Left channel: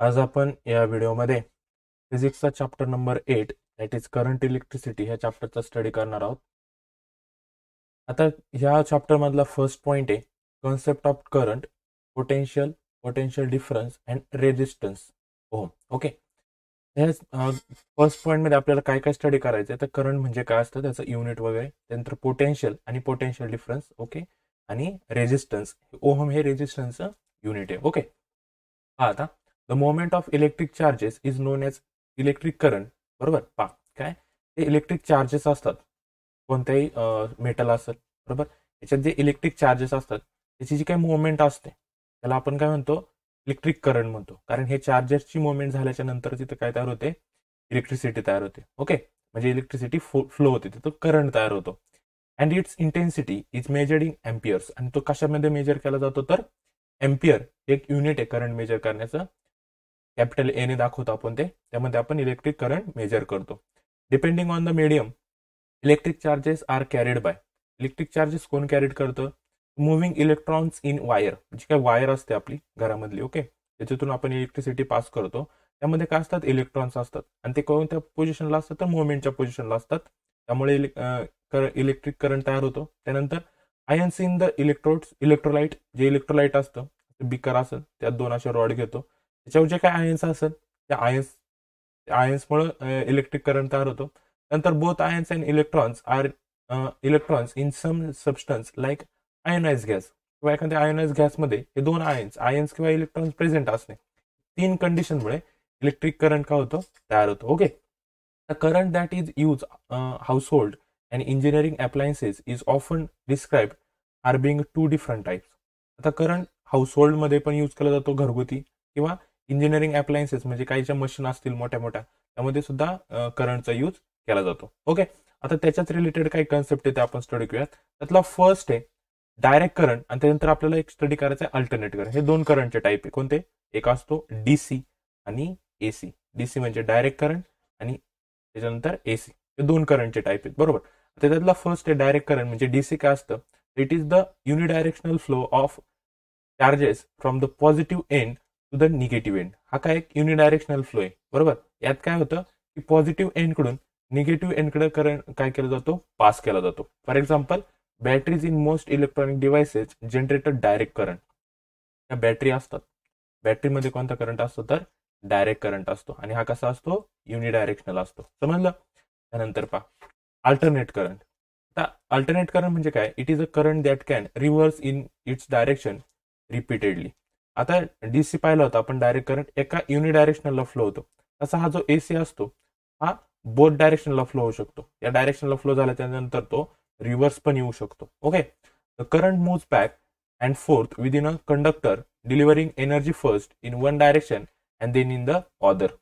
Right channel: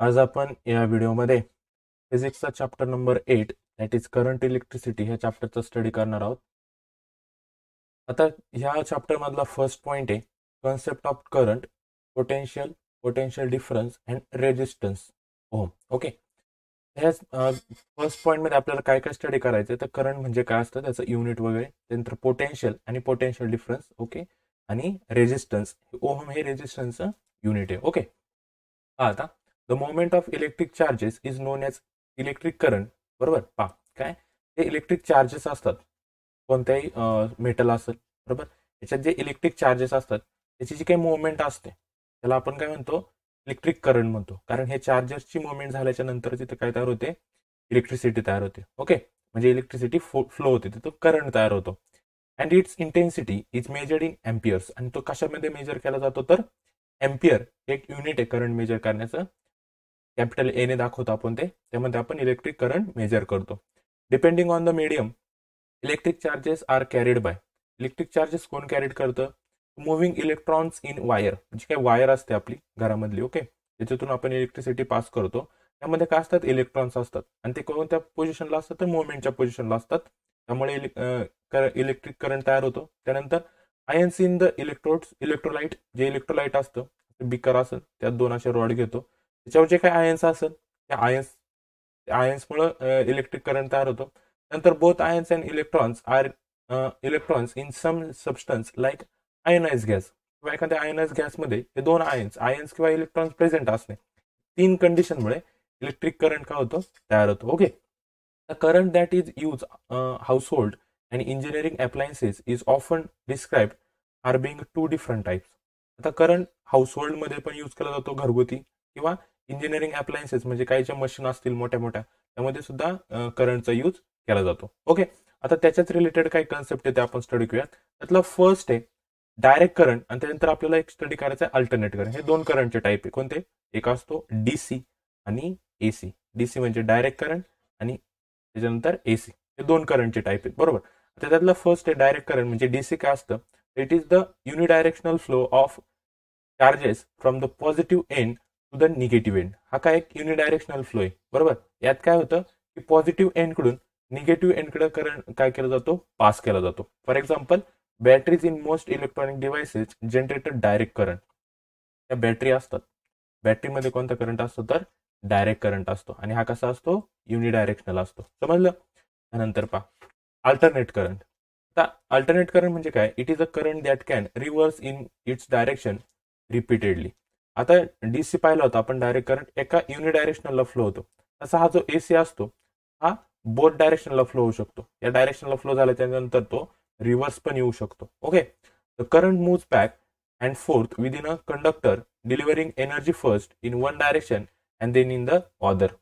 आज आपण या व्हिडिओमध्ये फिजिक्सचा chapter number 8 that is current electricity ह्या चॅप्टरचा स्टडी करणार आहोत. आता ह्या चॅप्टरमधला फर्स्ट पॉईंट आहे concept of current, potential difference and resistance ohm. Okay, ह्या फर्स्ट पॉईंटमध्ये आपल्याला काय काय स्टडी करायचं आहे तर करंट म्हणजे काय असतं त्याचं युनिट वगैरे, त्यानंतर पोटेन्शियल आणि पोटेन्शियल डिफरन्स. ओके, आणि रेजिस्टन्स, ओहम हे रेजिस्टन्सचं युनिट आहे. ओके, आता the moment of electric charges is non as electric current. बरोबर, काय ते इलेक्ट्रिक चार्जेस असतात कोणत्याही मेटल असेल. बरोबर, याच्यात जे इलेक्ट्रिक चार्जेस असतात त्याची जी काही मुवमेंट असते त्याला आपण काय म्हणतो, इलेक्ट्रिक करंट म्हणतो. कारण हे चार्जेसची मुवमेंट झाल्याच्या नंतर तिथं काय तयार होते, इलेक्ट्रिसिटी तयार होते. ओके, म्हणजे इलेक्ट्रिसिटी फ्लो होते, तिथं करंट तयार होतो. And it's intensity is measured in amperes. आणि तो कशामध्ये मेजर केला जातो तर एम्पियर एक युनिट आहे करंट मेजर करण्याचं. कॅपिटल एने दाखवतो आपण ते, त्यामध्ये आपण इलेक्ट्रिक करंट मेजर करतो. Depending on the medium electric charges are carried by. Electric charges कोण कॅरिड करतं, मुव्हिंग इलेक्ट्रॉन्स इन वायर. जी काय वायर असते आपली घरामधली, ओके, त्याच्यातून आपण इलेक्ट्रिसिटी पास करतो. त्यामध्ये काय असतात, इलेक्ट्रॉन्स असतात आणि ते कोणत्या पोझिशनला असतात तर मुवमेंटच्या पोझिशनला असतात. त्यामुळे इलेक्ट्रिक करंट तयार होतो. त्यानंतर आयन्स इन द इलेक्ट्रोलाइट, जे इलेक्ट्रोलाइट असतं बिकर असेल त्यात दोन असे रॉड घेतो, त्याच्यावर जे काय आयन्स असेल त्या आयन्समुळे इलेक्ट्रिक करंट तयार होतो. नंतर both ions and electrons in some substance like ionise gas, किंवा एखाद्या आयोनाइज गॅसमध्ये हे दोन आयन्स किंवा इलेक्ट्रॉन्स प्रेझेंट असणे, तीन कंडिशनमुळे इलेक्ट्रिक करंट काय होतो, तयार होतो. Okay, the current that is use household and engineering appliances is often described are being to different types. आता करंट हाऊसहोल्डमध्ये पण यूज केला जातो, घरगुती किंवा इंजिनिअरिंग अप्लायन्सेस म्हणजे काही ज्या मशीन असतील मोठ्या मोठ्या त्यामध्ये सुद्धा करंटचा यूज केला जातो. ओके, आता त्याच्याच रिलेटेड काही कन्सेप्ट आहे ते आपण स्टडी करूयात. त्यातला फर्स्ट आहे डायरेक्ट करंट, आणि त्यानंतर आपल्याला एक स्टडी करायचं आहे अल्टरनेट करंट. हे दोन करंटचे टाईप आहे. कोणते, एक असतो डीसी आणि एसी. डीसी म्हणजे डायरेक्ट करंट आणि त्याच्यानंतर एसी, हे दोन करंटचे टाईप आहेत. बरोबर, तर त्यातला फर्स्ट आहे डायरेक्ट करंट. म्हणजे डीसी काय असतं, it is the unidirectional flow of charges from the positive end to the negative end. हा काय एक युनिडायरेक्शनल फ्लो आहे. बरोबर, यात काय होतं की पॉझिटिव्ह एंडकडून निगेटिव्ह एंडकडे करंट काय केला जातो, पास केला जातो. For example, batteries in most electronic devices generated direct current. या बॅटरी असतात, बॅटरीमध्ये कोणता करंट असतो तर डायरेक्ट करंट असतो, आणि हा कसा असतो, युनिडायरेक्शनल असतो. समजलं. त्यानंतर पहा अल्टरनेट करंट. आता अल्टरनेट करंट म्हणजे काय, it is a current that can reverse in its direction repeatedly. आता डीसी पाहिला होता आपण, डायरेक्ट करंट एका युनिडायरेक्शनलला फ्लो होतो. तसा हा जो एसी असतो हा बोथ डायरेक्शनला फ्लो होऊ शकतो. या डायरेक्शनला फ्लो झाला त्यानंतर तो रिव्हर्स पण येऊ शकतो. Okay, the current moves back and forth within a conductor delivering energy first in one direction and then in the other.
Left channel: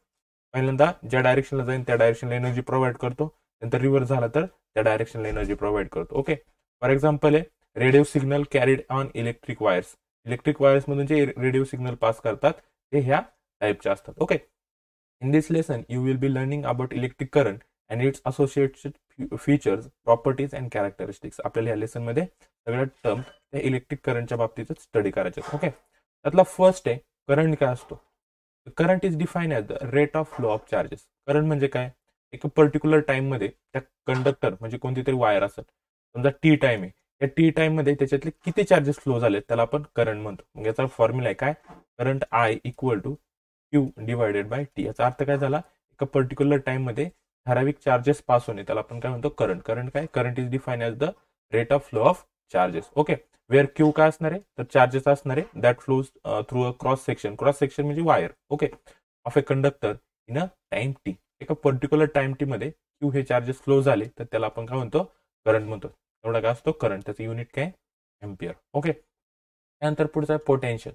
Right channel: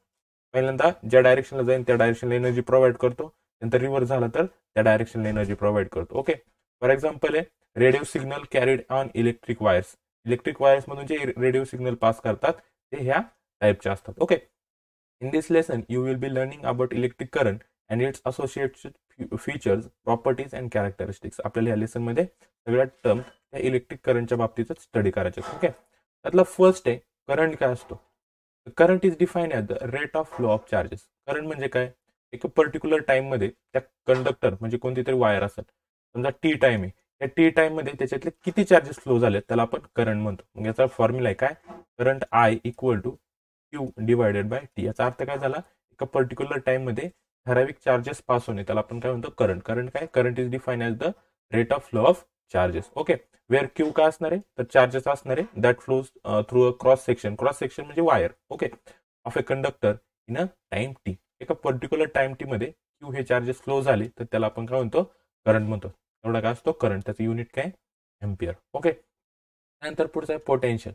पहिल्यांदा ज्या डायरेक्शनला जाईल त्या डायरेक्शनला एनर्जी प्रोव्हाइड करतो, नंतर रिव्हर्स झाला तर त्या डायरेक्शनला एनर्जी प्रोव्हाइड करतो. ओके, फॉर एक्झाम्पल आहे radio signal carried on electric wires. Electric वायर्समधून जे रेडिओ सिग्नल पास करतात ते ह्या टाईपचे असतात. Okay, in this lesson you will be learning about electric current and its associated features, properties and characteristics. आपल्याला ह्या लेसनमध्ये सगळ्या टर्म त्या इलेक्ट्रिक करंटच्या बाबतीतच स्टडी करायचे. ओके, त्यातला फर्स्ट आहे करंट काय असतो. Current is define as the rate of flow of charges. Current म्हणजे काय, एक पर्टिक्युलर टाईममध्ये त्या कंडक्टर म्हणजे कोणती तरी वायर असेल, समजा टी टाईम आहे, त्या टी टाईममध्ये त्याच्यातले किती चार्जेस फ्लो झाले त्याला आपण करंट म्हणतो. मग याचा फॉर्म्युला आहे काय, current I equal to Q divided by T. याचा अर्थ काय झाला, एका पर्टिक्युलर टाईममध्ये ठराविक चार्जेस पास होणे त्याला आपण काय म्हणतो, करंट. करंट काय, current is define as the rate of flow of charges. Okay, where Q काय असणार आहे तर चार्जेस असणार आहे that flows through a cross section. Cross section म्हणजे wire. Okay, of a conductor in a time T. एका particular time T मध्ये Q हे चार्जेस फ्लो झाले तर त्याला आपण काय म्हणतो, करंट म्हणतो. एवढा काय असतो करंट, त्याचं युनिट काय, एम्पियर. ओके, त्यानंतर पुढचा आहे पोटेन्शियल.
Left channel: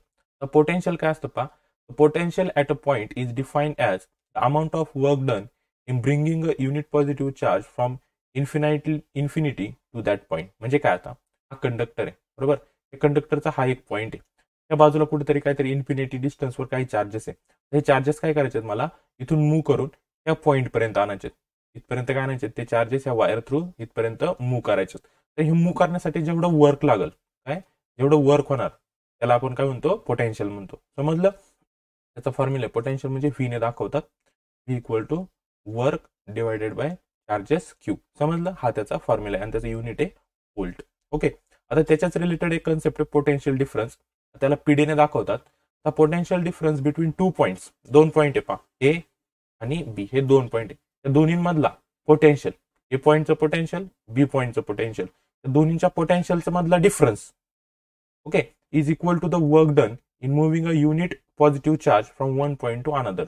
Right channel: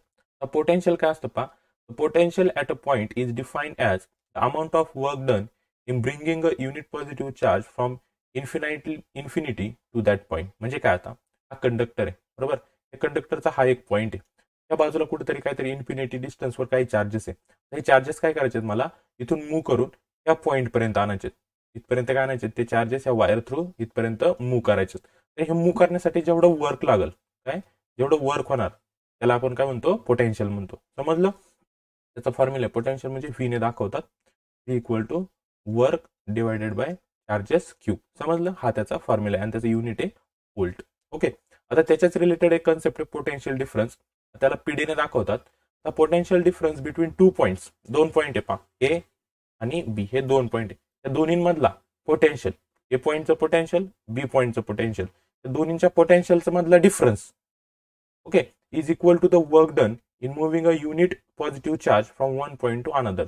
पोटेन्शियल काय असतं पहा, potential at a point is defined as the amount of work done in bringing a unit positive charge from infinity to that point. म्हणजे काय, आता हा कंडक्टर आहे. बरोबर, या कंडक्टरचा हा एक पॉईंट आहे, त्या बाजूला कुठेतरी काहीतरी इन्फिनिटी डिस्टन्सवर काही चार्जेस आहे. हे चार्जेस काय करायचे आहेत, मला इथून मूव्ह करून या पॉईंटपर्यंत आणायचे. इथपर्यंत काय आणायचे, ते चार्जेस या वायर थ्रू इथपर्यंत मूव्ह करायचे. तर हे मूव्ह करण्यासाठी जेवढं वर्क लागेल, काय जेवढं वर्क होणार त्याला आपण काय म्हणतो, पोटेन्शियल म्हणतो. समजलं. त्याचा फॉर्म्युला पोटेन्शियल म्हणजे व्ही ने दाखवतात, V equal to work divided by charges Q. समजलं, हा त्याचा फॉर्म्युला आहे आणि त्याचं युनिट आहे व्होल्ट. ओके, आता त्याच्याच रिलेटेड एक कन्सेप्ट आहे पोटेन्शियल डिफरन्स, त्याला पीडी ने दाखवतात. तर potential difference between 2 points, 2 point आहे पा, ए आणि बी, हे 2 पॉईंट आहे. त्या दोन्हींमधला पोटेन्शियल, ए पॉईंटचं पोटेन्शियल, बी पॉईंटचं पोटेन्शियल, दोन्हींच्या पोटेन्शियलचा मधला difference, okay, is equal to the work done in moving a unit positive charge from one point to another.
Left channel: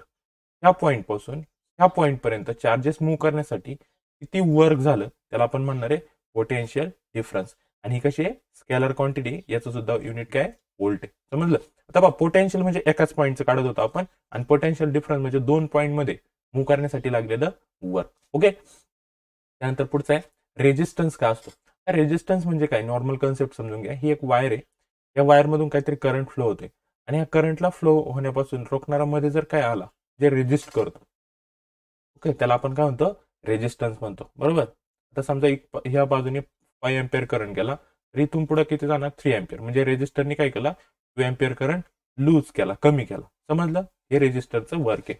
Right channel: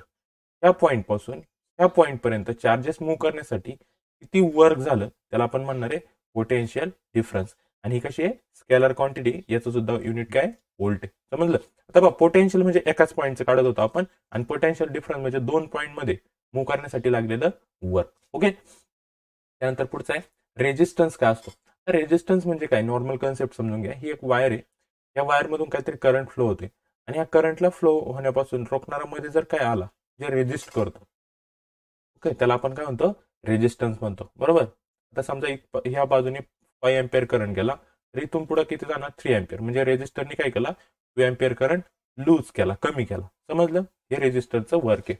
ह्या पॉईंटपासून ह्या पॉईंटपर्यंत चार्जेस मूव्ह करण्यासाठी किती वर्क झालं त्याला आपण म्हणणार आहे पोटेन्शियल डिफरन्स. आणि ही कशी आहे, स्केलर क्वांटिटी, याचं सुद्धा युनिट काय, व्होल्ट आहे. समजलं. आता बघा, पोटेन्शियल म्हणजे एकाच पॉईंटचं काढत होतो आपण, आणि पोटेन्शियल डिफरन्स म्हणजे 2 पॉईंटमध्ये मूव्ह करण्यासाठी लागलेलं वर्क. ओके, त्यानंतर पुढचं आहे रेजिस्टन्स. काय असतो रेजिस्टन्स म्हणजे काय, नॉर्मल कन्सेप्ट समजून घ्या. ही एक वायर आहे, या वायरमधून काहीतरी करंट फ्लो होते, आणि या करंटला फ्लो होण्यापासून रोखणारा मध्ये जर काय आला जे रेजिस्ट करतो, ओके, त्याला आपण काय म्हणतो, रेजिस्टन्स म्हणतो. बरोबर. आता समजा ह्या बाजूने 5 एम्पियर करंट गेला, तर इथून पुढे किती जाणार, 3 एम्पियर. म्हणजे रेजिस्टरने काय केला, 2 एम्पियर करंट लूज केला, कमी केला. समजलं, हे रेजिस्टरचं वर्क आहे.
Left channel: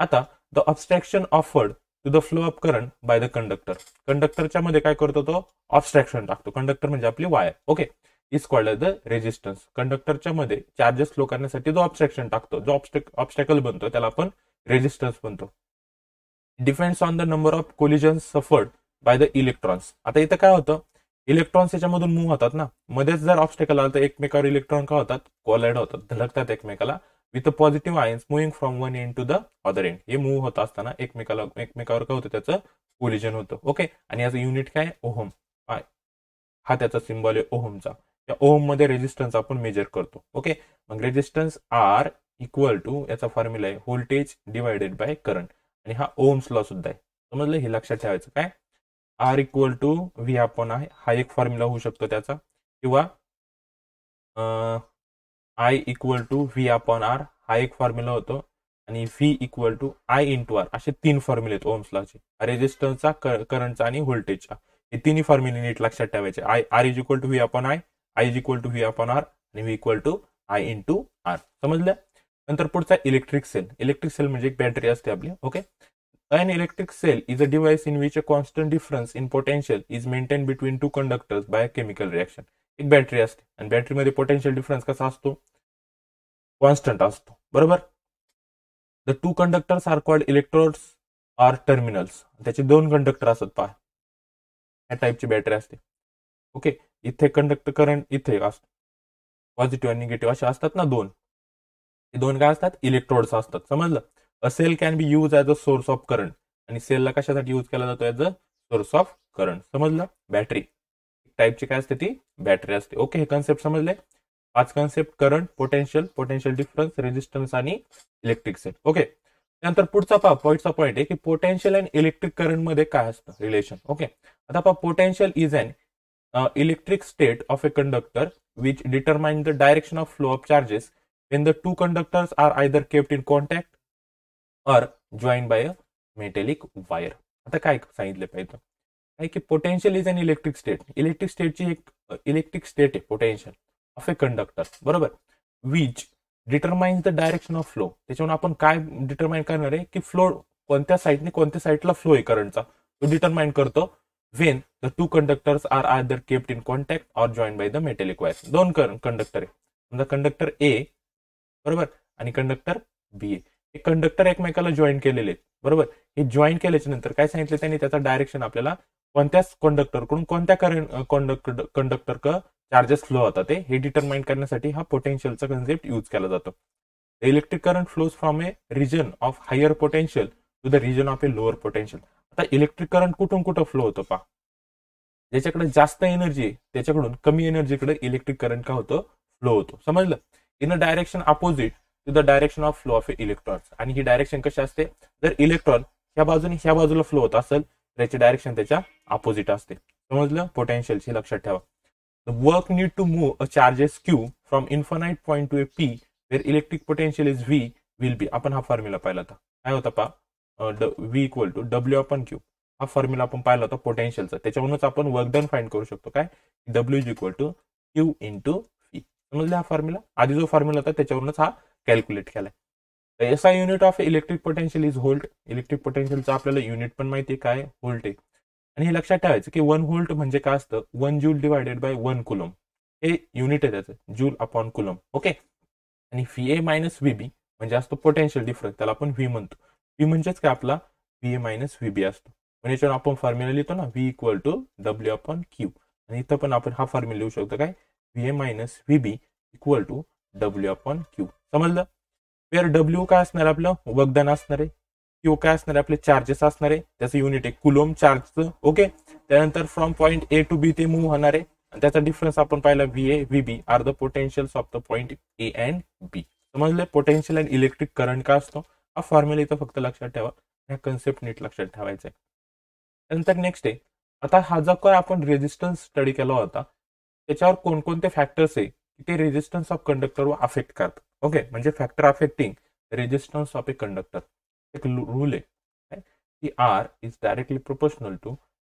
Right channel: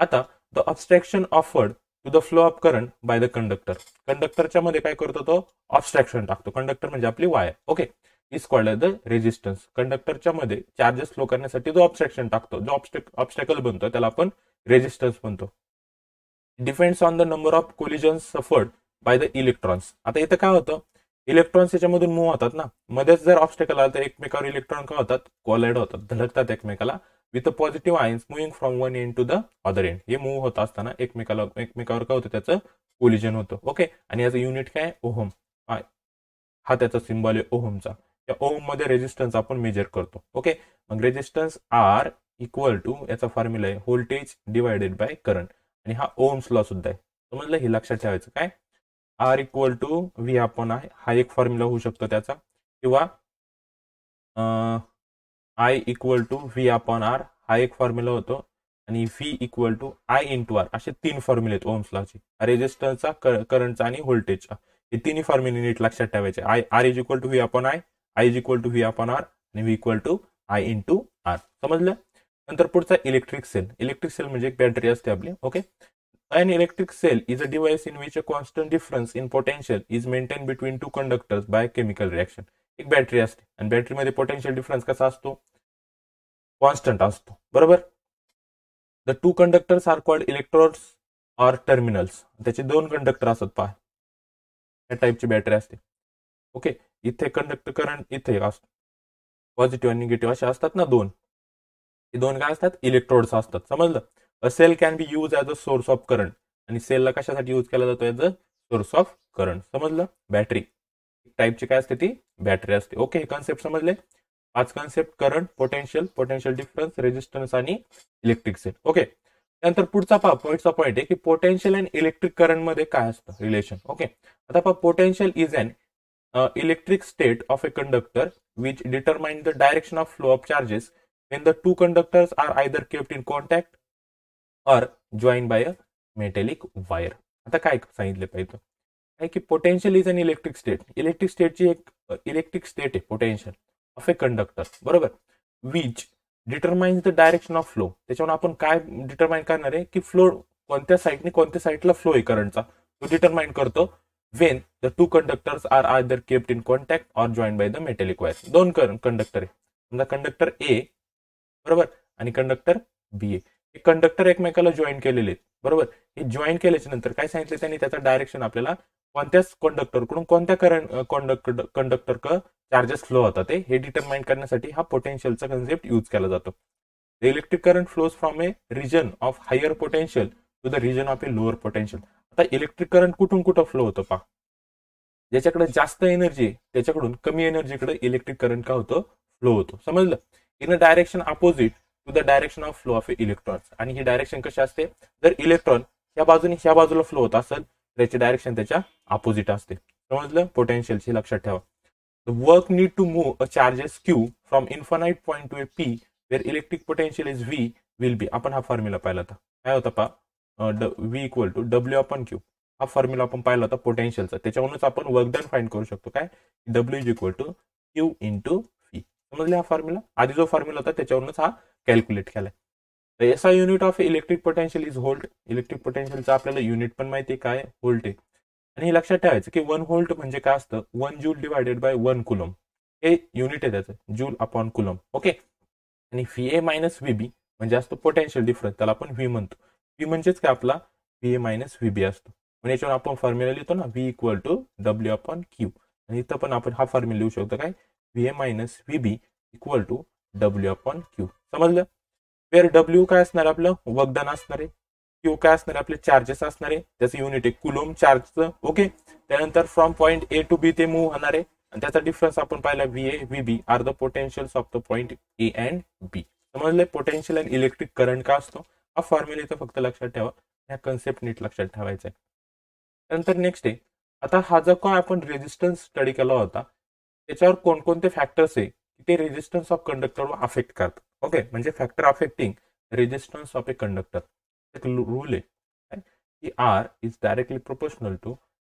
आता the obstruction offered to the flow of current by the conductor. कंडक्टरच्या मध्ये काय करतो, तो ऑब्स्ट्रॅक्शन टाकतो. कंडक्टर म्हणजे आपली wire. Okay, is called the resistance. कंडक्टरच्या मध्ये चार्जेस फ्लो करण्यासाठी जो ऑब्स्ट्रॅक्शन टाकतो, जो ऑब्स्टॅकल बनतो, त्याला आपण रेजिस्टन्स म्हणतो. Depends on the number of collisions suffered by the electrons. आता इथं काय होतं, इलेक्ट्रॉन्स याच्यामधून मूव्ह होतात ना, मध्येच जर ऑब्स्टॅकल आला तर एकमेकावर इलेक्ट्रॉन काय होतात, कोलाइड होतात, धडकतात एकमेकाला, with positive ions moving from one end to the other end. हे मूव्ह होत असताना एकमेकावर काय होतं, त्याचं कोलिजन होतं. ओके, आणि याचं युनिट काय, ओहम. हा त्याचा सिम्बॉल आहे ओहमचा. त्या ओहम मध्ये रेजिस्टन्स आपण मेजर करतो. ओके, मग रेजिस्टन्स आर इक्वल टू, याचा फॉर्म्युला आहे व्होल्टेज डिवायडेड बाय करंट, आणि हा ओहम्स लॉ सुद्धा आहे. समजलं, हे लक्षात ठेवायचं. काय, R equal to V upon I, हा एक फॉर्म्युला होऊ शकतो त्याचा, किंवा I equal to V upon R, हा एक फॉर्म्युला होतो, आणि V equal to I into R, असे 3 फॉर्म्युले आहेत ओम्स लॉचे, रेजिस्टन्सचा, करंटचा आणि व्होल्टेजचा. हे तिन्ही फॉर्म्युले नीट लक्षात ठेवायचे. R is equal to V upon I, is equal to V upon R, आणि V equal to I into R. समजलं. नंतर पुढचा इलेक्ट्रिक सेल. इलेक्ट्रिक सेल म्हणजे एक बॅटरी असते आपली. Okay, an electric cell is a device in which a constant difference in potential is maintained between two conductors by a chemical reaction. एक battery असते, आणि बॅटरीमध्ये पोटेन्शियल डिफरन्स कसा असतो, constant असतो. बरोबर. The 2 conductors are called electrodes or terminals. त्याचे 2 conductor असतात, पहा, या टाईपची बॅटरी असते. ओके, इथे कंडक्टर करंट इथे असतो, पॉझिटिव्ह आणि निगेटिव्ह असे असतात ना 2. हे 2 काय असतात, इलेक्ट्रोड्स असतात. समजलं. A cell can be use as a source of current, आणि सेलला कशासाठी यूज केला जातो, as a source of current. समजलं. बॅटरी टाईपची काय असते, ती बॅटरी असते. ओके, हे कन्सेप्ट समजले. 5 concept, current, potential difference, resistance आणि इलेक्ट्रिक सेल. ओके, त्यानंतर पुढचा पुढचा पॉईंट आहे की पोटेन्शियल आणि इलेक्ट्रिक करंटमध्ये काय असतं रिलेशन. ओके, आता potential is an electric state of a conductor which determine the direction of flow of charges when the two conductors are either kept in contact or joined by a metallic wire. आता काय सांगितलं पाहिजे, काय की potential is an electric state. Electric स्टेटची एक electric state आहे potential of a conductor. बरोबर. Which determines the direction of flow. त्याच्यावर आपण काय डिटरमाइन करणार आहे की फ्लो कोणत्या साईडला फ्लो आहे करंटचा, तो डिटरमाइन करतो when the 2 conductors are either kept in contact or join by the metallic wire. 2 conductor आहे, समजा कंडक्टर ए, बरोबर, आणि कंडक्टर बी ए. हे कंडक्टर एकमेकाला जॉईन केलेले आहेत. बरोबर. हे जॉईन केल्याच्या नंतर काय सांगितलं त्यांनी, त्याचा डायरेक्शन आपल्याला कोणत्याच कंडक्टरकडून कोणत्या कंडक्टर चार्जेस फ्लो होतात हे डिटरमाइन करण्यासाठी हा पोटेन्शियलचा कन्सेप्ट यूज केला जातो. The electric current flows from a region of higher potential to the region of a lower potential. आता इलेक्ट्रिक करंट कुठून फ्लो होतं पहा, ज्याच्याकडे जास्त एनर्जी आहे त्याच्याकडून कमी एनर्जीकडे इलेक्ट्रिक करंट का होतो, फ्लो होतो. समजलं. In a direction opposite to the direction of flow of a electrons. आणि ही डायरेक्शन कशी असते, जर इलेक्ट्रॉन ह्या बाजूला फ्लो होत असेल तर याची डायरेक्शन त्याच्या अपोजिट असते. समजलं. पोटेन्शियलची लक्षात ठेवा. The work need to move a charges Q from infinite point to a P where electric potential is V will be. आपण हा फॉर्म्युला पाहिला होता, काय होता पहा, V equal to W upon Q. हा फॉर्म्युला आपण पाहिला होता पोटेन्शियलचा. त्याच्यावरूनच आपण वर्क डन फाइंड करू शकतो, काय, W is equal to Q into V. समजले हा फॉर्म्युला. आधी जो फॉर्म्युला होता त्याच्यावरूनच हा कॅल्क्युलेट केलाय. SI unit of electric potential is volt. Electric पोटेन्शियलचं आपल्याला युनिट पण माहिती आहे काय, व्होल्ट आहे. आणि हे लक्षात ठेवायचं की 1 व्होल्ट म्हणजे काय असतं, 1 जूल डिवायडेड बाय 1 कुलम. हे युनिट आहे त्याचं, जूल अपॉन कुलम. ओके. आणि VA मायनस VB म्हणजे असतो पोटेन्शियल डिफरन्स, त्याला आपण V म्हणतो. V म्हणजेच काय आपला VA मायनस VB असतो. म्हणजे याच्यावर आपण फॉर्म्युला लिहितो ना, V equal to W upon Q. आणि इथं पण आपण हा फॉर्म्युला लिहू शकतो काय, VA minus VB equal to W upon Q. समजलं. वेअर W काय असणार आपलं, वगदान असणार आहे. Q काय असणार आहे, आपले चार्जेस असणार आहे, त्याचं युनिट आहे कुलोम चार्जचं. ओके. त्यानंतर from point A to B ते मूव्ह होणार आहे. आणि त्याचा डिफरन्स आपण पाहिला VA VB are the potentials of the point A and B. समजले. पोटेन्शियल अँड इलेक्ट्रिक करंट का असतो, हा फॉर्म्युला इथं फक्त लक्षात ठेवा, ह्या कन्सेप्ट नीट लक्षात ठेवायचा आहे. त्यानंतर नेक्स्ट आहे, आता हा जो काय आपण रेजिस्टन्स स्टडी केला होता त्याच्यावर कोणकोणते फॅक्टर्स आहे ते रेजिस्टन्स ऑफ कंडक्टरवर अफेक्ट करतात. ओके. म्हणजे factor affecting resistance of a conductor. एक रूल आहे की R is directly proportional to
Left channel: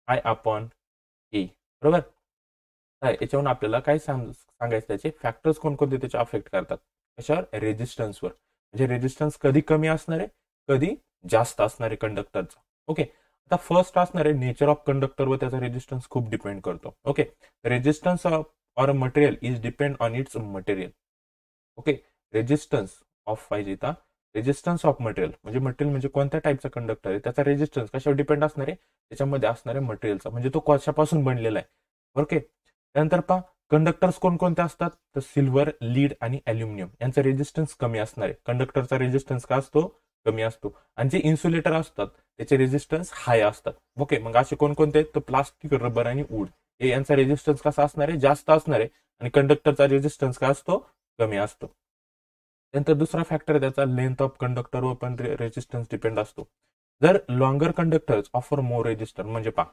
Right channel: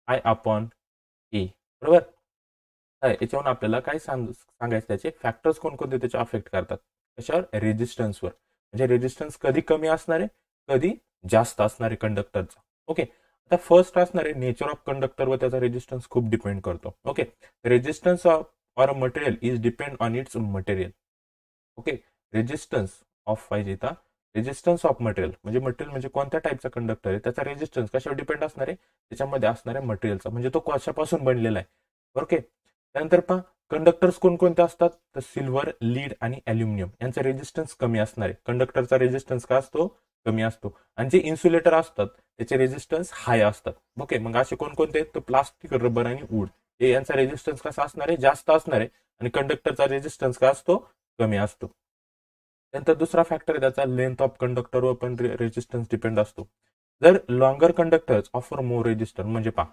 I upon A. बरोबर. याच्यावरून आपल्याला काय सांगायचं, त्याचे फॅक्टर्स कोणकोणते त्याचे अफेक्ट करतात कशावर, रेजिस्टन्सवर. म्हणजे रेजिस्टन्स कधी कमी असणार आहे, कधी जास्त असणार आहे कंडक्टरचा. ओके. आता फर्स्ट असणार आहे नेचर ऑफ कंडक्टर व त्याचा रेजिस्टन्स खूप डिपेंड करतो. Okay. Resistance of or material is depend on it's material. Okay. Resistance of पाहिजे इथं, रेजिस्टन्स ऑफ मटेरियल म्हणजे कोणत्या टाईपचा कंडक्टर आहे त्याचा रेजिस्टन्स कशावर डिपेंड असणार आहे, त्याच्यामध्ये असणार आहे मटेरियलचा, म्हणजे तो कशापासून बनलेला आहे. ओके. त्यानंतर पहा कंडक्टर्स कोणकोणते असतात, तर सिल्वर, लीड आणि ॲल्युमिनियम यांचा रेजिस्टन्स कमी असणार आहे. कंडक्टरचा रेजिस्टन्स का असतो, कमी असतो. आणि जे इन्सुलेटर असतात त्याचे रेजिस्टन्स हाय असतात. ओके. मग असे कोणकोणते आहेत, तर प्लास्टिक, रबर आणि वूड हे यांचा रेजिस्टन्स कसा असणार आहे, जास्त असणार आहे. आणि कंडक्टरचा रेजिस्टन्स का असतो, कमी असतो. त्यानंतर दुसरा फॅक्टर आहे त्याचा लेंथ ऑफ कंडक्टरवर पण रेजिस्टन्स डिपेंड असतो. जर longer conductors offer more resistance, म्हणजे पहा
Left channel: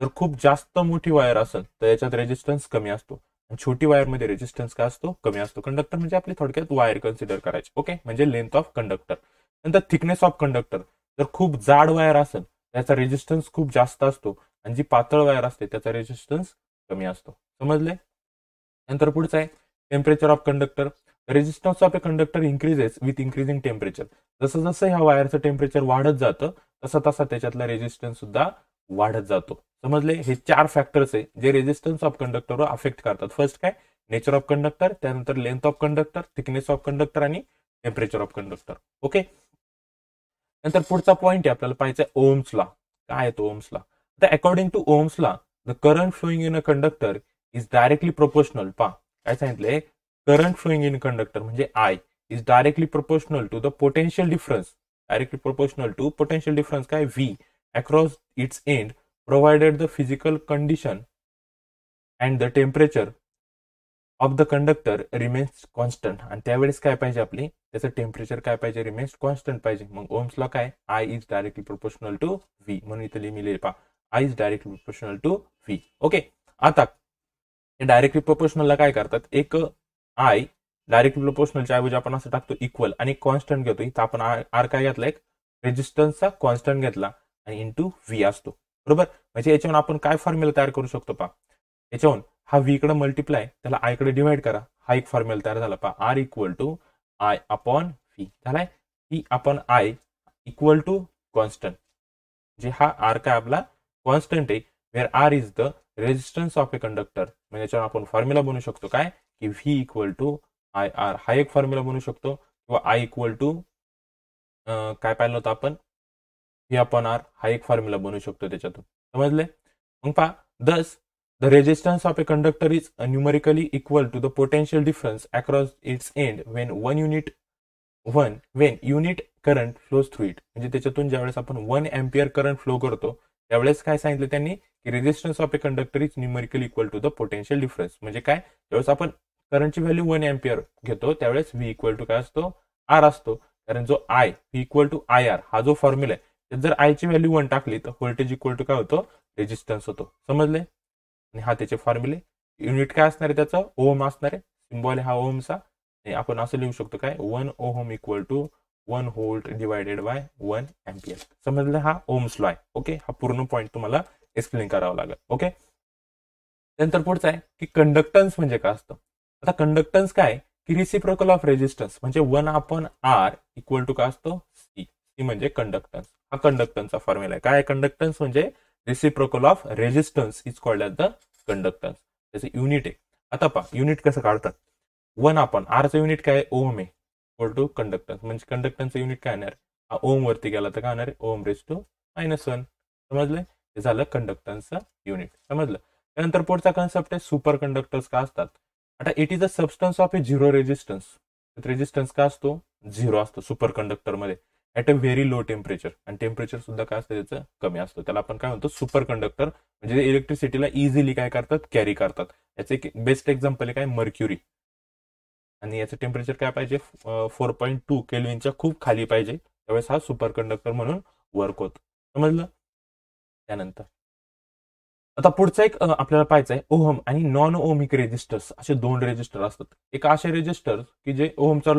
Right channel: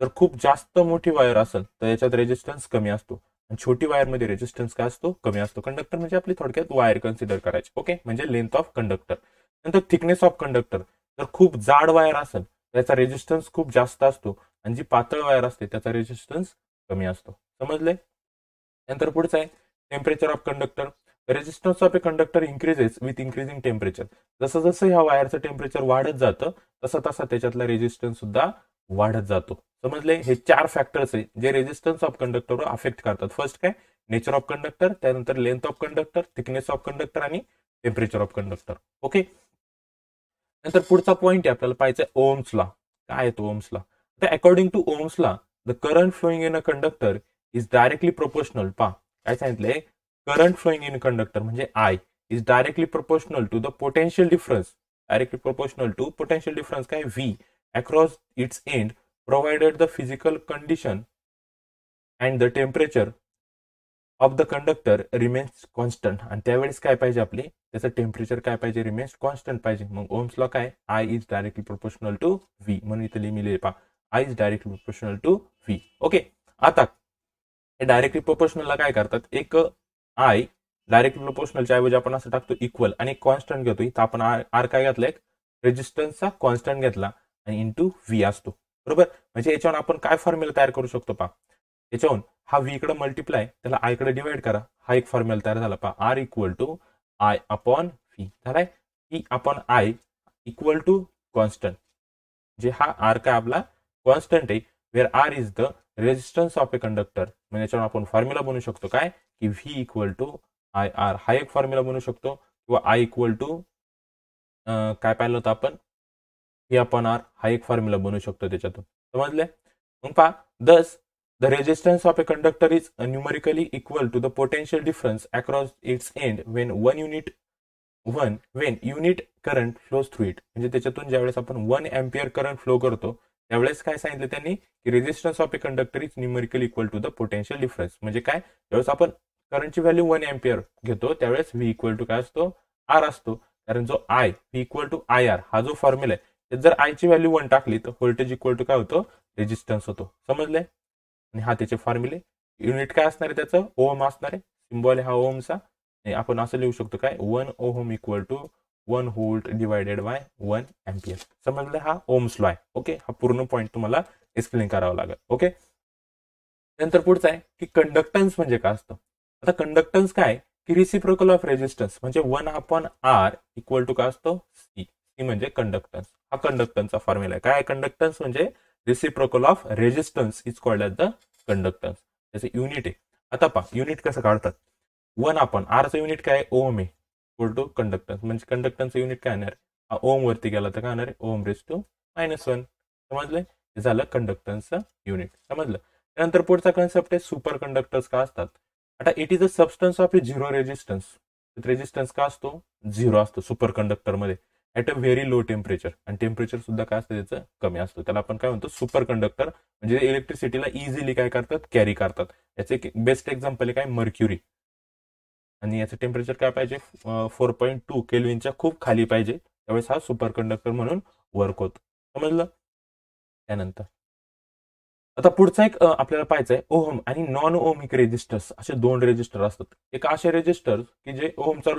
जर खूप जास्त मोठी वायर असेल तर याच्यात रेजिस्टन्स कमी असतो. आणि छोटी वायरमध्ये रेजिस्टन्स काय असतो, कमी असतो. कंडक्टर म्हणजे आपली थोडक्यात वायर कन्सिडर करायची. ओके. म्हणजे लेंथ ऑफ कंडक्टर. नंतर थिकनेस ऑफ कंडक्टर, जर खूप जाड वायर असेल त्याचा रेजिस्टन्स खूप जास्त असतो. आणि जी पातळ वायर असते त्याचा रेजिस्टन्स कमी असतो. समजले. नंतर पुढचं आहे temperature of conductor. Resistance of a conductor increases with increasing temperature. जसं जसं ह्या वायरचं टेम्परेचर वाढत जातं तसा तसा त्याच्यातला रेजिस्टन्स सुद्धा वाढत जातो. समजले. हे 4 फॅक्टर्स आहे जे रेजिस्टन्स ऑफ कंडक्टरवर अफेक्ट करतात. फर्स्ट काय, नेचर ऑफ कंडक्टर, त्यानंतर length of conductor, thickness of conductor आणि टेम्परेचर ऑफ कंडक्टर. ओके. नंतर पुढचा पॉईंट आहे आपल्याला पाहायचा ओम्स लॉ. काय आहे तो ओम्स लॉ, तर according to Ohm's law the current flowing in a conductor is directly proportional. पहा काय सांगितलंय, करंट फ्लोईंग इन कंडक्टर म्हणजे I is directly proportional to the potential difference. Directly proportional to potential difference काय, V across its end provided the physical condition and the temperature of the conductor remains constant. आणि त्यावेळेस काय पाहिजे, आपली त्याचं temperature काय पाहिजे, रिमेन्स कॉन्स्टंट पाहिजे. मग ओम्स लॉ काय, I is directly proportional to V. म्हणून इथे मी लिहिले पहा, I is directly proportional to V. Okay. आता हे डायरेक्टली प्रोपोर्शनलला काय करतात, एक I डायरेक्टली प्रोपोर्शनलच्या ऐवजी आपण असं टाकतो इक्वल आणि एक कॉन्स्टंट घेतो. इथं आपण आर काय घेतला, एक रेजिस्टन्सचा कॉन्स्टंट घेतला आणि इंटू V असतो. बरोबर. म्हणजे याच्यावर आपण काय फॉर्म्युला तयार करू शकतो पहा, याच्यावरून हा V कडे मल्टिप्लाय त्याला I कडे डिवाइड करा, हा एक फॉर्म्युला तयार झाला पहा, R equal to I upon V झालाय. V upon I equal to constant, जे हा R काय आपला कॉन्स्टंट आहे, where R is the resistance of a conductor. म्हणजे याच्यावर आपण फॉर्म्युला बनवू शकतो काय, की V इक्वल टू IR हा एक फॉर्म्युला बनवू शकतो. किंवा I इक्वल टू काय पाहिलं होतं आपण, V अपॉन R हा एक फॉर्म्युला बनवू शकतो त्याच्यातून. समजले. मग पहा, दस the resistance of a conductor is numerically equal to the potential difference across its end when unit current flows through it. म्हणजे त्याच्यातून ज्यावेळेस आपण 1 अँपिअर करंट फ्लो करतो त्यावेळेस काय सांगितलं त्यांनी, की resistance of a conductor is numerically equal to the potential difference. म्हणजे काय, ज्यावेळेस आपण करंटची व्हॅल्यू 1 अँपिअर घेतो त्यावेळेस V इक्वल टू काय असतो, R असतो. कारण जो I V equal to IR हा जो फॉर्म्युला आहे, जर I ची व्हॅल्यू 1 टाकली तर व्होल्टेज इक्वल टू काय होतो, रेजिस्टन्स होतो. समजले. आणि हा त्याचे फॉर्म्युले, युनिट काय असणार आहे त्याचं, ओम असणार आहे. सिम्बॉल आहे हा ओमचा. आपण असं लिहू शकतो काय, 1 ohm equal to 1 volt divided by 1 ampere. समजलं. हा ओम्स लॉ आहे. ओके. हा पूर्ण पॉईंट तुम्हाला एक्सप्लेन करावा लागेल. ओके. त्यानंतर पुढचं आहे की कंडक्टन्स म्हणजे काय असतं. आता कंडक्टन्स काय, की रिसिप्रोकल ऑफ रेजिस्टन्स म्हणजे 1/R इक्वल टू काय असतो सी म्हणजे कंडक्टन्स. हा कंडक्टन्सचा फॉर्म्युला आहे. काय कंडक्टन्स म्हणजे reciprocal of resistance is called as the conductance. त्याचं युनिट आहे. आता पहा युनिट कसं काढतात. 1/R युनिट काय ओम आहे इक्वल टू कंडक्टन्स म्हणजे कंडक्टन्सचं युनिट काय येणार ओम वरती गेला तर काय होणार आहे ओम रेस टू -1. समजलं. हे झालं कंडक्टन्सचं युनिट. समजलं. त्यानंतर पुढचा कन्सेप्ट आहे सुपर कंडक्टर्स का असतात. आता it is a substance of A zero resistance. Resistance का असतो 0 असतो सुपर कंडक्टरमध्ये at a very low temperature. आणि टेम्परेचर सुद्धा काय असतं त्याचं कमी असतं. त्याला आपण काय म्हणतो सुपर कंडक्टर. म्हणजे इलेक्ट्रिसिटीला इझिली काय करतात कॅरी करतात. याचं एक बेस्ट एक्झाम्पल आहे काय मर्क्युरी. आणि याचं टेम्परेचर काय पाहिजे 4.2 केल्विनच्या खूप खाली पाहिजे. त्यावेळेस हा सुपर कंडक्टर म्हणून वर्क होतो. समजलं. त्यानंतर आता पुढचा एक आपल्याला पाहायचं आहे ओहम आणि नॉन ओहमिक रेजिस्टर्स असे 2 रेजिस्टर असतात. एक असे रेजिस्टर की जे ओहमचा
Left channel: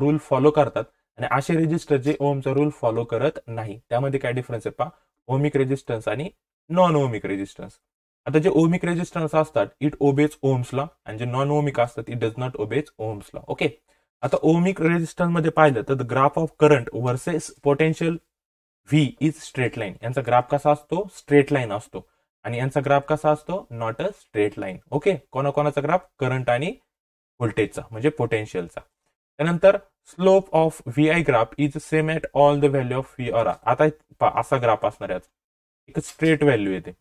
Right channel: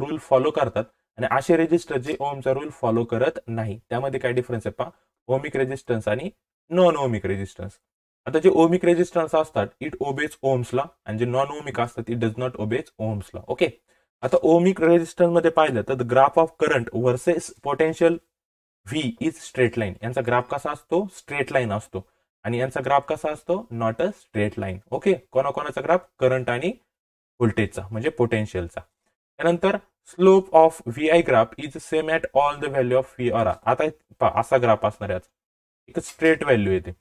रूल फॉलो करतात आणि असे रेजिस्टर जे ओहमचा रूल फॉलो करत नाही. त्यामध्ये काय डिफरन्स आहे पहा ओहमिक रेजिस्टन्स आणि नॉन ओहमिक रेजिस्टन्स. आता जे ओहमिक रेजिस्टन्स असतात इट ओबेज ओहम्सला आणि जे नॉन ओहमिक असतात इट डज नॉट ओबेज ओहम्सला. ओके. आता ओहमिक रेजिस्टन्स मध्ये पाहिलं तर graph of current versus potential V is straight line. यांचा ग्राफ कसा असतो स्ट्रेट लाईन असतो आणि यांचा ग्राफ कसा असतो not a straight line. Okay. कोणाकोणाचा ग्राफ करंट आणि व्होल्टेजचा म्हणजे पोटेन्शियलचा. त्यानंतर slope of V I graph is same at all the value of V R. आता असा ग्राफ असणार याचा एक स्ट्रेट व्हॅल्यू येते.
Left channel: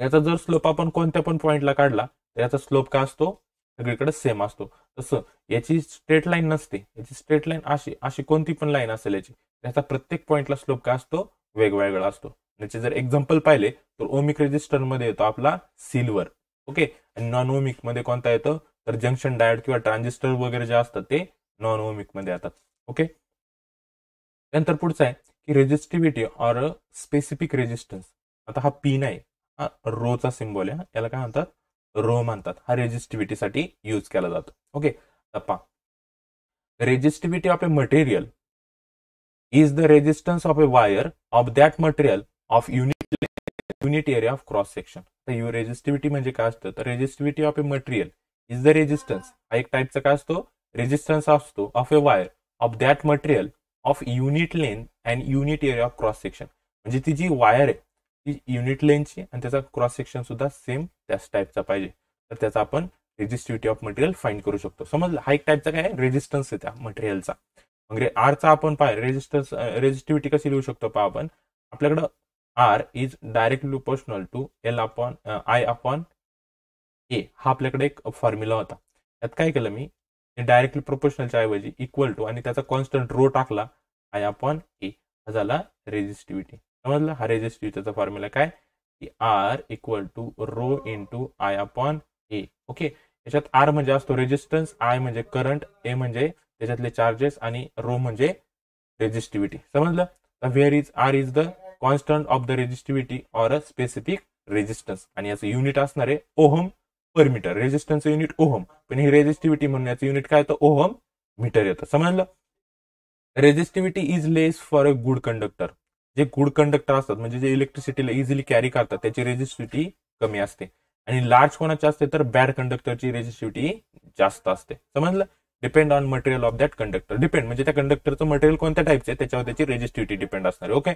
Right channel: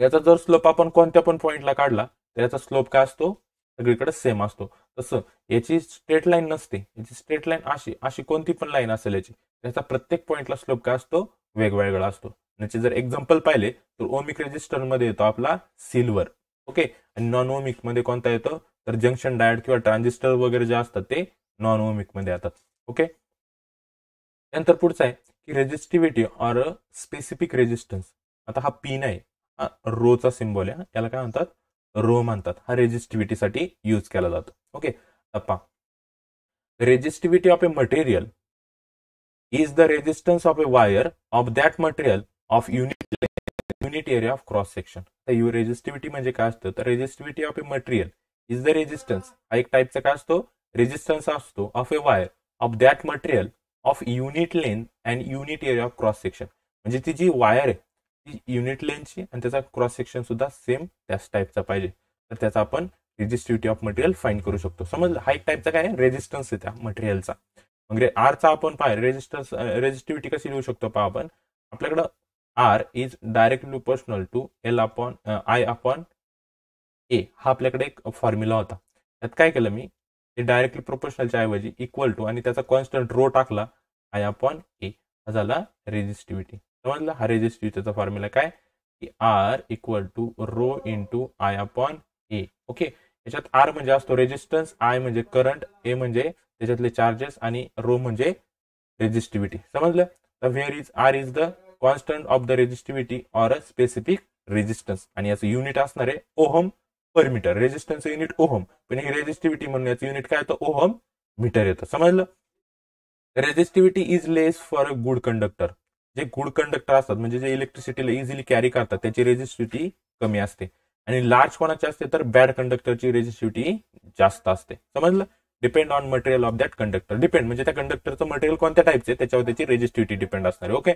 याचा जर स्लोप आपण कोणत्या पण पॉईंटला काढला तर याचा स्लोप काय असतो सगळीकडे सेम असतो. तसं याची स्ट्रेट लाईन नसते. याची स्ट्रेट लाईन अशी कोणती पण लाईन असेल याची याचा प्रत्येक पॉईंटला स्लोप काय असतो वेगवेगळा असतो. याचे जर एक्झाम्पल पाहिले तर ओमिक रेजिस्टरमध्ये येतो आपला सिल्वर. ओके. आणि नॉन ओमिक मध्ये कोणता येतो तर जंक्शन डायोड किंवा ट्रान्झिस्टर वगैरे जे असतात ते नॉन ओमिक मध्ये येतात. ओके. त्यानंतर पुढचा आहे की रेजिस्टिव्हिटी ऑर स्पेसिफिक रेजिस्टन्स. आता हा पी नाही हा रोचा सिम्बॉल आहे. याला काय म्हणतात रो म्हणतात. हा रेजिस्टिव्हिटीसाठी यूज केला जातो. ओके. पहा resistivity of a material is the resistance of a wire of that material of unit area of cross section. तर रेजिस्टिव्हिटी म्हणजे काय असतं तर resistivity of a material is the resistance. हा एक टाईपचा काय असतो रेजिस्टन्स असतो of a wire of that material of unit length and unit area of cross section. म्हणजे ती जी वायर आहे ती युनिट लेंथची आणि त्याचा क्रॉस सेक्शन सुद्धा सेम त्याच टाईपचा पाहिजे तर त्याचा आपण रेजिस्टिव्हिटी ऑफ मटेरियल फाइंड करू शकतो. समजलं. हा एक टाईपचा काय रेजिस्टन्स आहे त्या मटेरियलचा. मग आरचा आपण रेजिस्टन्स रेजिस्टिव्हिटी कशी लिहू शकतो पहा आपण आपल्याकडं R is directly proportional to I/A. हा आपल्याकडे एक फॉर्म्युला होता. त्यात काय केलं मी डायरेक्टली प्रोपोर्शनलच्या ऐवजी इक्वल टू आणि त्याचा कॉन्स्टंट रो टाकला I/A. हा झाला रेजिस्टिव्हिटी. समजलं. हा रेजिस्टिव्हिटीचा फॉर्म्युला काय की R equal to rho into I/A. Okay. याच्यात आर म्हणजे असतो रेजिस्टन्स, आय म्हणजे करंट, ए म्हणजे त्याच्यातले चार्जेस आणि रो म्हणजे रेजिस्टिव्हिटी. समजलं. Where is R is the constant of the resistivity or a specific resistance. आणि याचं युनिट असणार आहे ओहम पर मीटर. रेजिस्टन्सचं युनिट ओहम पण ही रेजिस्टिव्हिटी म्हणून याचं युनिट काय येतं ओहम मीटर येतं. समजलं. Resistivity is less for a good conductor. जे गुड कंडक्टर असतात म्हणजे जे इलेक्ट्रिसिटीला इझिली कॅरी करतात त्याची रेजिस्टिव्हिटी कमी असते. आणि लार्ज कोणाची असते तर बॅड कंडक्टरची रेजिस्टिव्हिटी जास्त असते. समजलं. Depend on material of that conductor. Depend म्हणजे त्या कंडक्टरचं मटेरियल कोणत्या टाईपचे त्याच्यावर त्याची रेजिस्टिव्हिटी डिपेंड असणार आहे. Okay.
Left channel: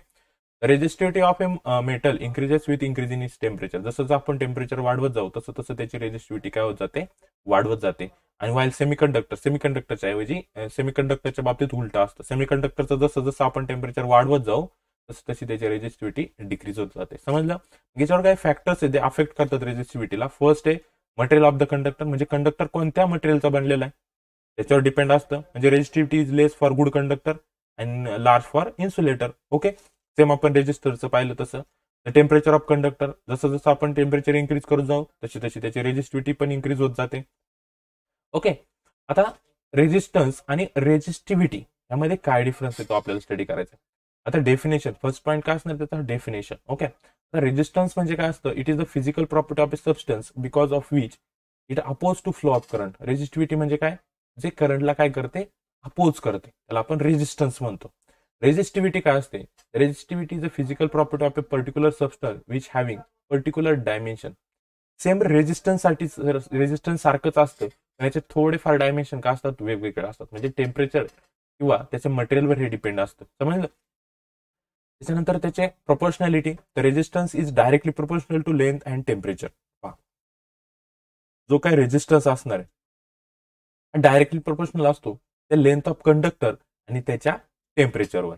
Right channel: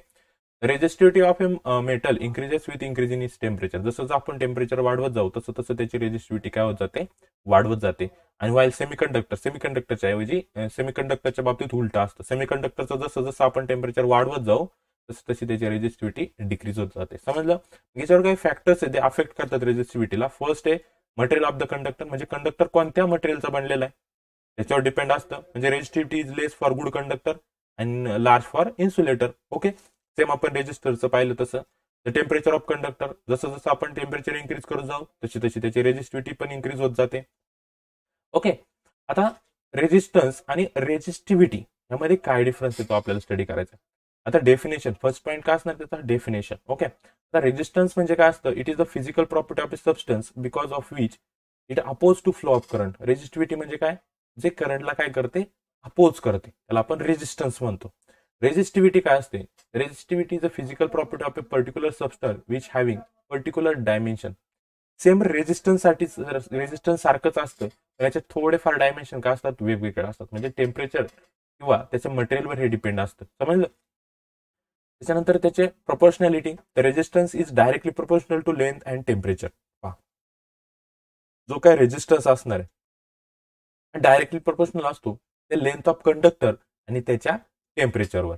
Resistivity of a metal increases with increase in its temperature. जसं जसं आपण टेम्परेचर वाढवत जाऊ तसं तसं त्याची रेजिस्टिव्हिटी काय होत जाते वाढवत जाते. आणि वाईल सेमीकंडक्टरच्या ऐवजी सेमीकंडक्टरच्या बाबतीत उलटा असतं. सेमीकंडक्टरचं जसं जसं आपण टेम्परेचर वाढवत जाऊ तसं तशी त्याची रेजिस्टिव्हिटी डिक्रीज होत जाते. समजलं. याच्यावर काही फॅक्टर्स आहे ते अफेक्ट करतात रेजिस्टिव्हिटीला. फर्स्ट आहे मटेरियल ऑफ द कंडक्टर म्हणजे कंडक्टर कोणत्या मटेरियलचा बनलेला आहे त्याच्यावर डिपेंड असतं. म्हणजे resistivity is less for good conductor and large for insulator. Okay. Same आपण रेजिस्टरचं पाहिलं तसं द टेम्परेचर ऑफ कंडक्टर जसं जसं आपण टेम्परेचर इन्क्रीज करत जाऊ तशी तशी त्याची रेजिस्टिव्हिटी पण इन्क्रीज होत जाते. ओके. आता रेजिस्टन्स आणि रेजिस्टिव्हिटी यामध्ये काय डिफरन्स येतो आपल्याला स्टडी करायचा. आता डेफिनेशन फर्स्ट पॉईंट काय असणार त्याचा डेफिनेशन. ओके. आता रेजिस्टन्स म्हणजे काय असतं it is the physical property of a substance because of which it oppose to flow of current. Resistivity म्हणजे काय जे करंटला काय करते अपोज करते त्याला आपण रेजिस्टन्स म्हणतो. रेजिस्टिव्हिटी काय असते resistivity is a physical property of A particular substance which having particular dimension. Same resistance सारखंच असतं पण याचे थोडेफार डायमेन्शन का असतात, वेगवेगळे असतात. म्हणजे टेम्परेचर किंवा त्याच्या मटेरियलवर हे डिपेंड असतं. समजलं. त्याच्यानंतर त्याचे proportionality, the resistance is directly proportional to length and temperature. पहा, जो काय रेजिस्टन्स असणार आहे डायरेक्टली प्रोपोर्शनल असतो त्या लेंथ ऑफ कंडक्टर आणि त्याच्या टेम्परेचरवर,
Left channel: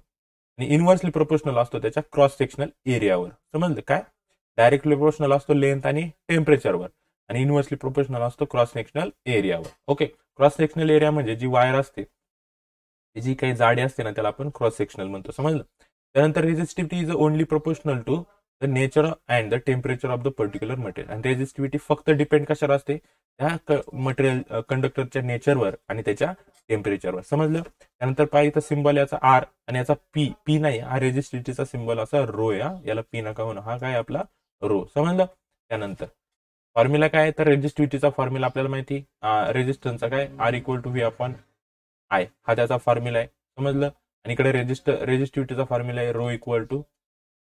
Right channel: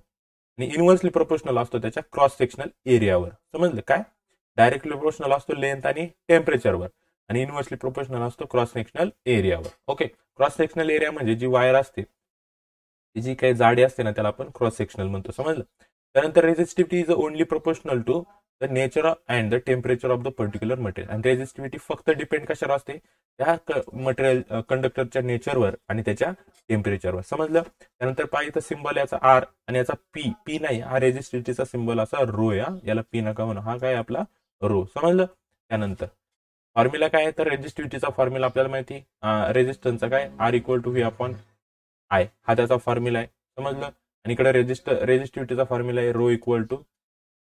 आणि इनव्हर्सली प्रोपोर्शनल असतो त्याच्या क्रॉस सेक्शनल एरियावर. समजलं काय? डायरेक्टली प्रोपोर्शनल असतो लेंथ आणि टेम्परेचरवर, आणि इनव्हर्सली प्रोपोर्शनल असतो क्रॉस सेक्शनल एरियावर. ओके, क्रॉस सेक्शनल एरिया म्हणजे जी वायर असते, जी काही जाडी असते ना, त्याला आपण क्रॉस सेक्शनल म्हणतो. समजलं. त्यानंतर resistivity is only proportional to the nature and the temperature of the particular material. आणि रेजिस्टिव्हिटी फक्त डिपेंड कशावर असते? त्या मटेरियल कंडक्टरच्या नेचरवर आणि त्याच्या टेम्परेचरवर. समजलं. त्यानंतर पहा इथं सिम्बॉल याचा आर आणि याचा पी. पी नाही, हा रेजिस्टिव्हिटीचा सिम्बॉल असा रो आहे. याला पी नका म्हणून, हा काय आपला रो. समजलं. त्यानंतर फॉर्म्युला काय आहे? तर रेजिस्टिव्हिटीचा फॉर्म्युला आपल्याला माहिती, रेजिस्टन्सचा काय, R equal to V upon I, हा त्याचा फॉर्म्युला आहे. समजलं. आणि इकडे रेजिस्टिव्हिटीचा फॉर्म्युला आहे rho equal to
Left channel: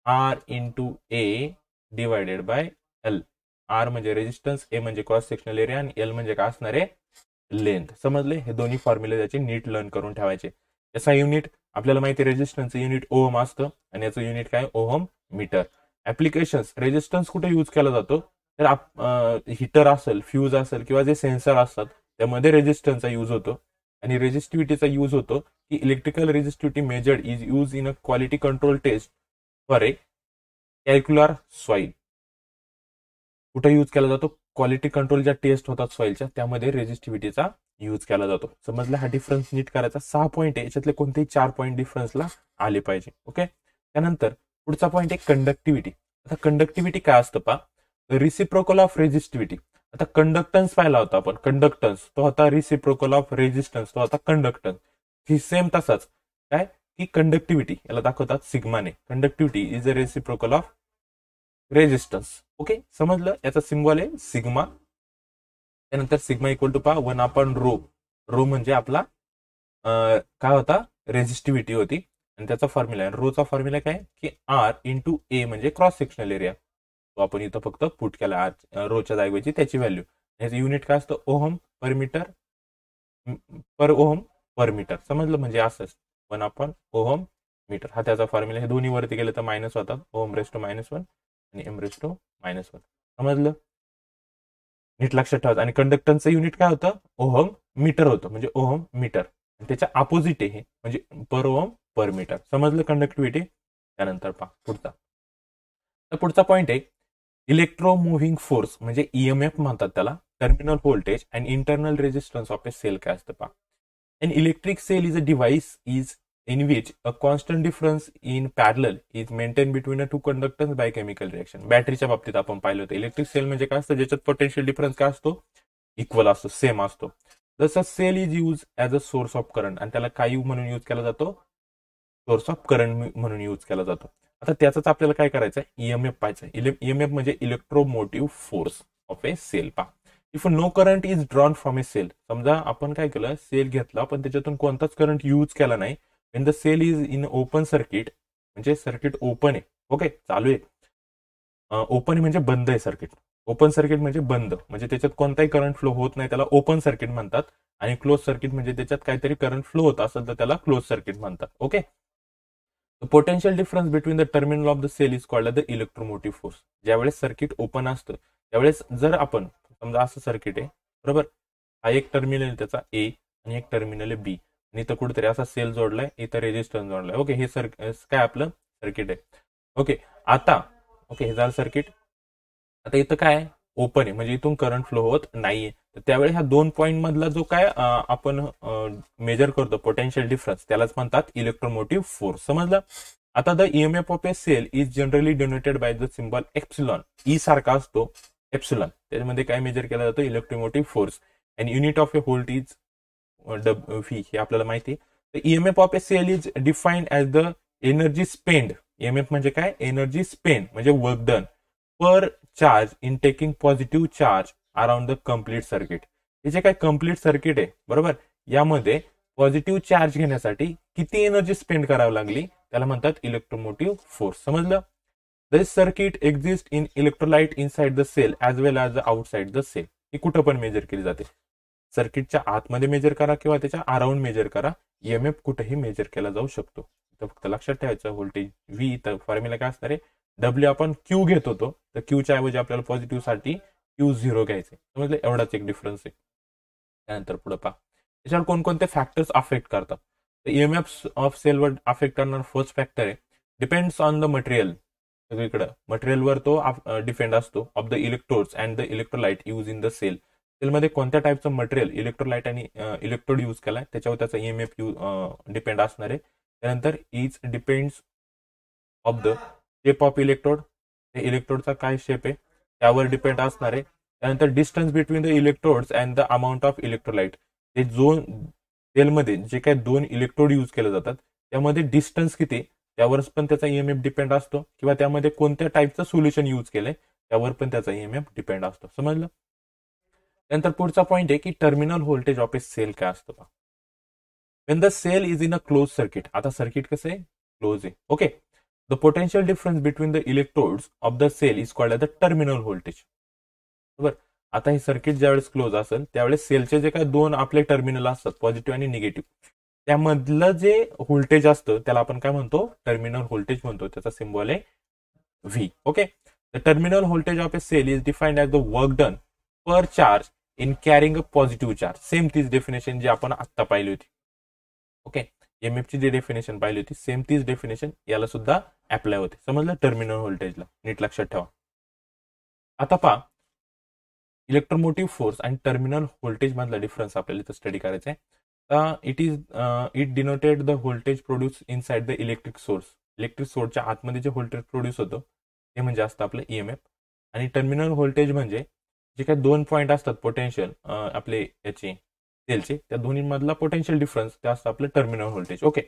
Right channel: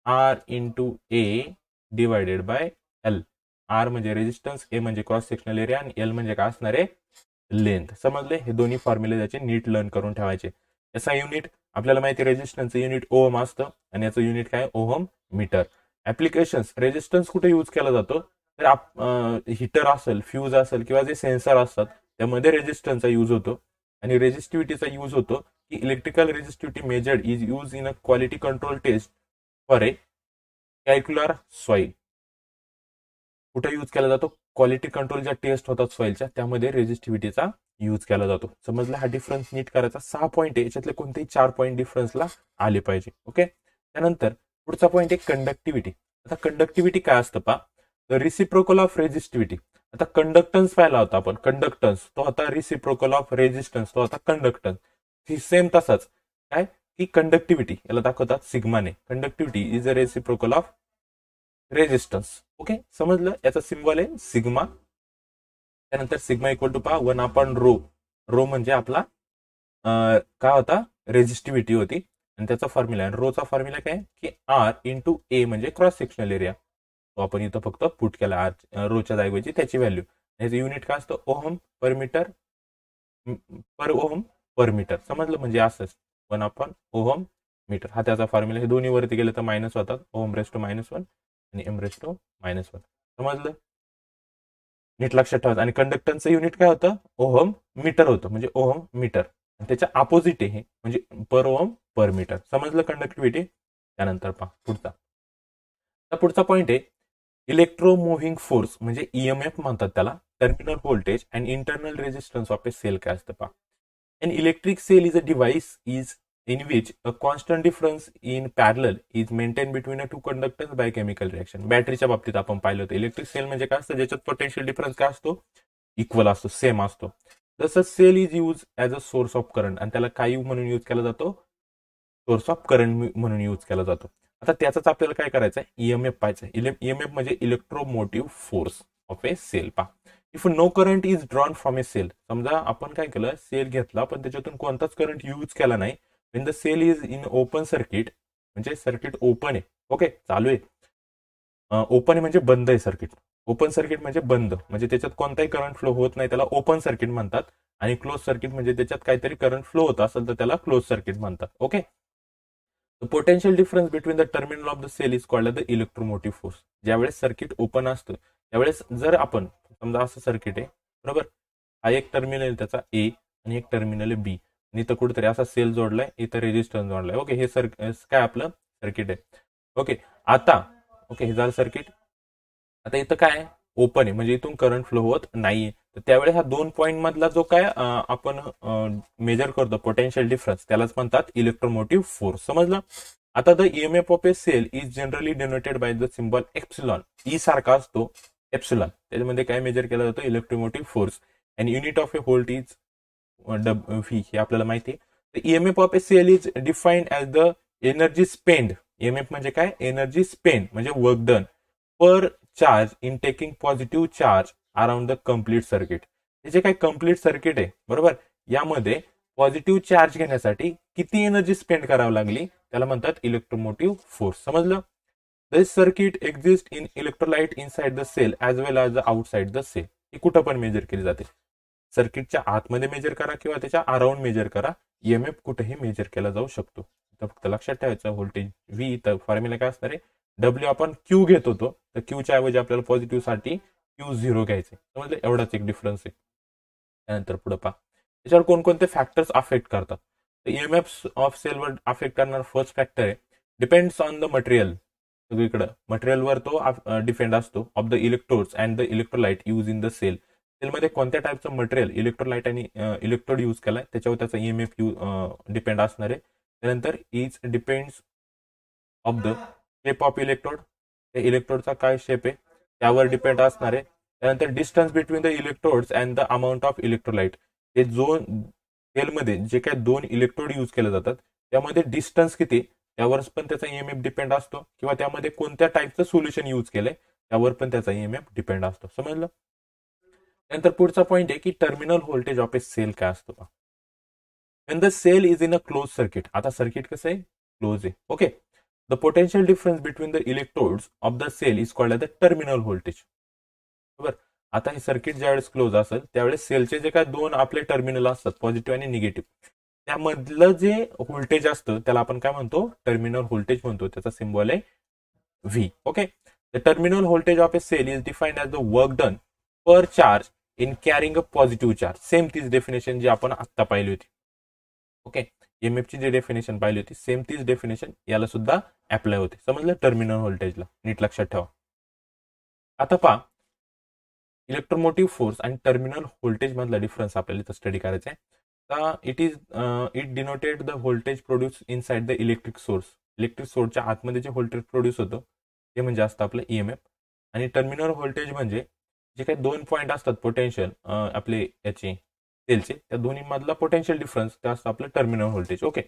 R into A divided by L. R म्हणजे रेजिस्टन्स, ए म्हणजे क्रॉस सेक्शनल एरिया, आणि एल म्हणजे काय असणार आहे? लेंथ. समजले. हे दोन्ही फॉर्म्युले त्याचे नीट लर्न करून ठेवायचे. याचा युनिट आपल्याला माहिती, रेजिस्टन्सचं युनिट ओहम असतं, आणि याचं युनिट काय? Ohm metre. ऍप्लिकेशन्स, रेजिस्टन्स कुठे यूज केला जातो? तर हीटर असेल, फ्यूज असेल, किंवा जे सेन्सर असतात त्यामध्ये रेजिस्टन्सचा यूज होतो. आणि रेजिस्टिव्हिटीचा यूज होतो की electrical resistivity measured is use in a quality control test for a calcareous soil. कुठे यूज केला जातो? क्वालिटी कंट्रोल ज्या टेस्ट होतात सॉइलच्या, त्यामध्ये रेजिस्टिव्हिटीचा यूज केला जातो. समजलं. हा डिफरन्स नीट करायचा. 6 पॉईंट आहे, याच्यातले कोणतेही 4 पॉईंट डिफरन्सला आले पाहिजे. ओके. त्यानंतर पुढचा पॉईंट आहे कंडक्टिव्हिटी. आता कंडक्टिव्हिटी काय असतं पहा, द रिसिप्रोकल ऑफ रेजिस्टिव्हिटी. आता कंडक्टन्स पाहिला होता आपण, कंडक्टन्स तो होता रिसिप्रोकल ऑफ रेजिस्टन्स, तो होता कंडक्टन्स. ही सेम तसाच काय की कंडक्टिव्हिटी याला दाखवतात सिग्माने. Conductivity is a reciprocal of resistance. Okay, समजलं. याचा सिम्बॉल आहे सिग्मा. त्यानंतर सिग्मा इक्वल टू पहा 1 अपॉन रो. रो म्हणजे आपला काय होता? रेजिस्टिव्हिटी होती, आणि त्याचा फॉर्म्युला आहे. रोचा फॉर्म्युला काय की आर इंटू ए म्हणजे क्रॉस सेक्शनल एरिया. तो आपण इथं फक्त पुट केला आर रोच्या जागेची त्याची व्हॅल्यू. याचं युनिट काय असतं? ओहम पर मीटर, पर ओहम पर मीटर. समजलं. म्हणजे असंच 1 अपॉन ओहम मीटर, हा त्याचा फॉर्म्युला. हे दोन्ही वरती गेले तर मायनस होतात, ओहम रेस टू -1 आणि एम रेस टू -1. समजलं. नीट लक्षात ठेवायचं. आणि कंडक्टन्सचं युनिट काय होतं? ओहम मीटर होतं, म्हणजे ओहम मीटर. त्याच्या अपोजिट आहे हे, म्हणजे पर ओहम पर मीटर. समजलं कंडक्टिव्हिटी. त्यानंतर पहा पुढचा. तर पुढचा पॉईंट आहे इलेक्ट्रोमुव्हिंग फोर्स, म्हणजे ईएमएफ म्हणतात त्याला. Terminal voltage and internal resistance of a cell काय असतं पहा. An electric cell is a device is in which a constant difference in parallel is maintained between a two conductors by chemical reaction. बॅटरीच्या बाबतीत आपण पाहिलं होतं. Electric sale म्हणजे काय असतं? ज्याच्यात पोटेन्शियल डिफरन्स काय असतो? इक्वल असतो, सेम असतो. जसं cell is use as a source of current, आणि त्याला काय म्हणून यूज केला जातो? सोर्स ऑफ करंट म्हणून यूज केला जातो. आता त्याचाच आपल्याला काय करायचं आहे? ईएमएफ पाहायचं आहे. ईएमएफ म्हणजे electromotive force of a cell. पहा, if no current is drawn from a cell. समजा आपण काय केलं? सेल घेतला पण त्याच्यातून कोणताच करंट यूज केला नाही. when the cell is in open circuit, म्हणजे सर्किट ओपन आहे. ओके, चालू आहे. ओपन आहे म्हणजे बंद आहे सर्किट. ओपन सर्किट म्हणजे बंद, म्हणजे त्याच्यात कोणताही करंट फ्लो होत नाही, त्याला ओपन सर्किट म्हणतात. आणि क्लोज सर्किट म्हणजे त्याच्यात काहीतरी करंट फ्लो होत असेल तर त्याला क्लोज सर्किट म्हणतात. Okay. Potential difference between the terminal of the cell is called the electromotive force. ज्यावेळेस सर्किट ओपन असतं त्यावेळेस जर आपण समजा असं सर्किट आहे बरोबर, हा एक टर्मिनल आहे त्याचा ए आणि एक टर्मिनल आहे बी, आणि इथं कुठेतरी असा सेल जोडलाय, इथं रेजिस्टन्स जोडलाय. ओके, हे काय आपलं सर्किट आहे. ओके, आता ओके हे झालं सर्किट. आता इथं काय ओपन आहे म्हणजे इथून करंट फ्लो होत नाहीये. तर त्यावेळी ह्या 2 पॉईंट मधला जो काय आपण मेजर करतो पोटेन्शियल डिफरन्स, त्यालाच म्हणतात इलेक्ट्रोमोटिव्ह फोर्स. समजलं. आता the EMF of a cell is generally denoted by the symbol epsilon. E सारखा असतो एप्सिलॉन, त्याच्यामध्ये काय मेजर केला जातो? Electromotive force. And unit of a volt is V, हे आपल्याला माहिती आहे. तर EMF of a cell is defined as the energy spend. EMF म्हणजे काय? एनर्जी स्पेंड म्हणजे work done per charge in taking positive charge around the complete circuit. हे जे काय कम्प्लीट सर्किट आहे बरोबर, यामध्ये पॉझिटिव्ह चार्ज घेण्यासाठी किती एनर्जी स्पेंड करावी लागली त्याला म्हणतात इलेक्ट्रोमोटिव्ह फोर्स. समजलं. This circuit exist in electrolyte inside the cell as well as the outside the cell. ही कुठं पण मेजर केली जाते. सर्किटच्या आतमध्ये मेजर करा किंवा त्याच्या अराउंड मेजर करा, ईएमएफ कुठेही मेजर केला जाऊ शकतो. तर फक्त लक्षात ठेवायचं व्होल्टेज व्ही, तर फॉर्म्युला काय असणार आहे, डब्ल्यू आपण क्यू घेत होतो, तर क्यूच्या ऐवजी आपल्याला पॉझिटिव्ह साठी Q0 घ्यायचे. समजलं, एवढाच एक डिफरन्स आहे. त्यानंतर पुढे पहा, त्याच्यावर कोणकोणते फॅक्टर्स अफेक्ट करतात. तर ईएमएफ ऑफ सेलवर अफेक्ट करणारा फर्स्ट फॅक्टर आहे डिपेंड्स ऑन द मटेरियल. सगळीकडे मटेरियलवर तो डिपेंड असतो. Of the electrodes and the electrolyte use in the cell. सेलमध्ये कोणत्या टाईपचं मटेरियल, इलेक्ट्रोलाइट आणि इलेक्ट्रोड यूज केलाय त्याच्यावर त्याचा ईएमएफ डिपेंड असणार आहे. त्यानंतर each depends of the shape of electrode. त्या इलेक्ट्रोडचा काय शेप आहे त्यावर डिपेंड असणार आहे. त्यानंतर distance between the electrodes and the amount of electrolyte. ते जो सेलमध्ये जे काही दोन इलेक्ट्रोड यूज केले जातात त्यामध्ये डिस्टन्स किती त्यावरच पण त्याचा ईएमएफ डिपेंड असतो, किंवा त्यामध्ये कोणत्या टाईपचं सोल्युशन यूज केलंय त्यावर पण त्याचा ईएमएफ डिपेंड असतो. समजलं. त्यानंतर पुढचा पॉईंट आहे की terminal voltage of a cell काय असतो. When the cell is in a close circuit. आता सर्किट कसं आहे, क्लोज आहे. Okay. The potential difference between the electrodes of the cell is called the terminal voltage. बरोबर. आता हे सर्किट ज्यावेळेस क्लोज असेल त्यावेळेस सेलचे जे काय दोन आपले टर्मिनल असतात, पॉझिटिव्ह आणि निगेटिव्ह, त्यामधलं जे व्होल्टेज असतं त्याला आपण काय म्हणतो, टर्मिनल व्होल्टेज म्हणतो. त्याचा सिम्बॉल आहे V. Okay. The terminal voltage of a cell is defined as the work done per charge in carrying a positive charge. Same तीच डेफिनेशन जी आपण आत्ता पाहिली होती. ओके. ईएमएफची जी डेफिनेशन पाहिली होती सेम तीच डेफिनेशन याला सुद्धा अप्लाय होते. समजलं, टर्मिनल व्होल्टेजला. नीट लक्षात ठेवा. आता पहा, इलेक्ट्रोमोटिव्ह फोर्स आणि टर्मिनल व्होल्टेज मधला डिफरन्स आपल्याला इथं स्टडी करायचा आहे. It denoted the voltage produce inside the electric source. Electric सोर्सच्या आतमध्ये जे व्होल्टेज प्रोड्यूस होतं ते म्हणजे असतं आपलं ईएमएफ. आणि टर्मिनल व्होल्टेज म्हणजे जे काही दोन पॉईंट असतात पोटेन्शियल आपले याचे सेलचे, त्या दोन्हीमधला पोटेन्शियल डिफरन्स ते असतं आपलं टर्मिनल व्होल्टेज. ओके.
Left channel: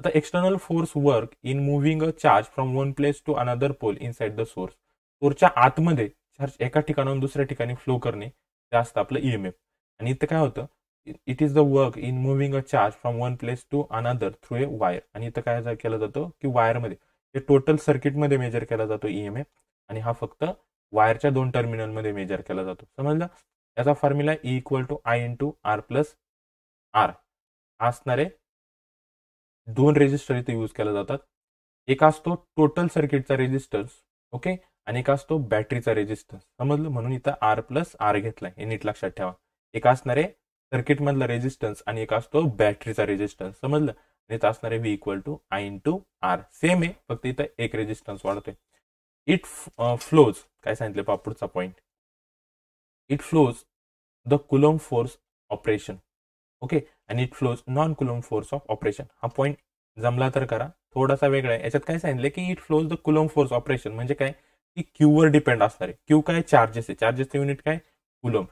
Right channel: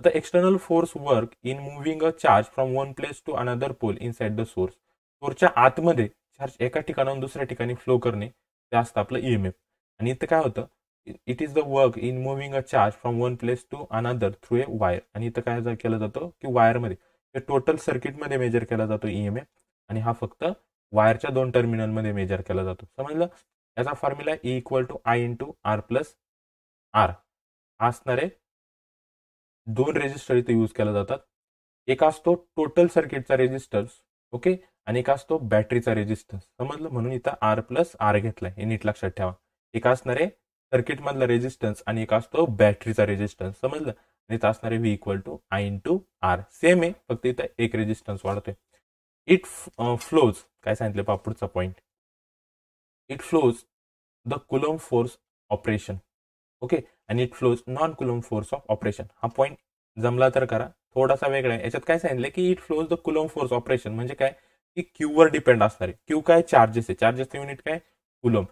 आता external force work in moving a charge from one place to another pole inside the source. सोर्सच्या आतमध्ये चार्ज एका ठिकाणाहून दुसऱ्या ठिकाणी फ्लो करणे ते असतं आपलं ईएमएफ. आणि इथं काय होतं, it is the work in moving a charge from one place to another through a wire. आणि इथं काय केलं जातं की वायरमध्ये, हे टोटल सर्किटमध्ये मेजर केला जातो ईएमएफ, आणि हा फक्त वायरच्या दोन टर्मिनलमध्ये मेजर केला जातो. समजलं. याचा फॉर्म्युला E = I × R+R असणारे दोन रेजिस्टर इथे यूज केला जातात. एक असतो टोटल सर्किटचा रेजिस्टन्स, ओके, आणि एक असतो बॅटरीचा रेजिस्टन्स. समजलं. म्हणून इथं R+R घेतलाय, हे नीट लक्षात ठेवा. एक असणारे सर्किटमधला रेजिस्टन्स आणि एक असतो बॅटरीचा रेजिस्टन्स. समजलं. आणि इथं असणारे V = I × R. सेम आहे, फक्त इथं एक रेजिस्टन्स वाढतोय. इट फ्लोज, काय सांगितलं पहा पुढचा point, it flows the coulomb force operation. Okay. आणि it flows non coulomb force of operation. हा पॉईंट जमला तर करा, थोडासा वेगळा आहे. याच्यात काय सांगितलं की it flows the coulomb force operation म्हणजे काय की क्यूवर डिपेंड असणार आहे. क्यू काय, चार्जेस आहे. चार्जेसचं युनिट काय, कुलम.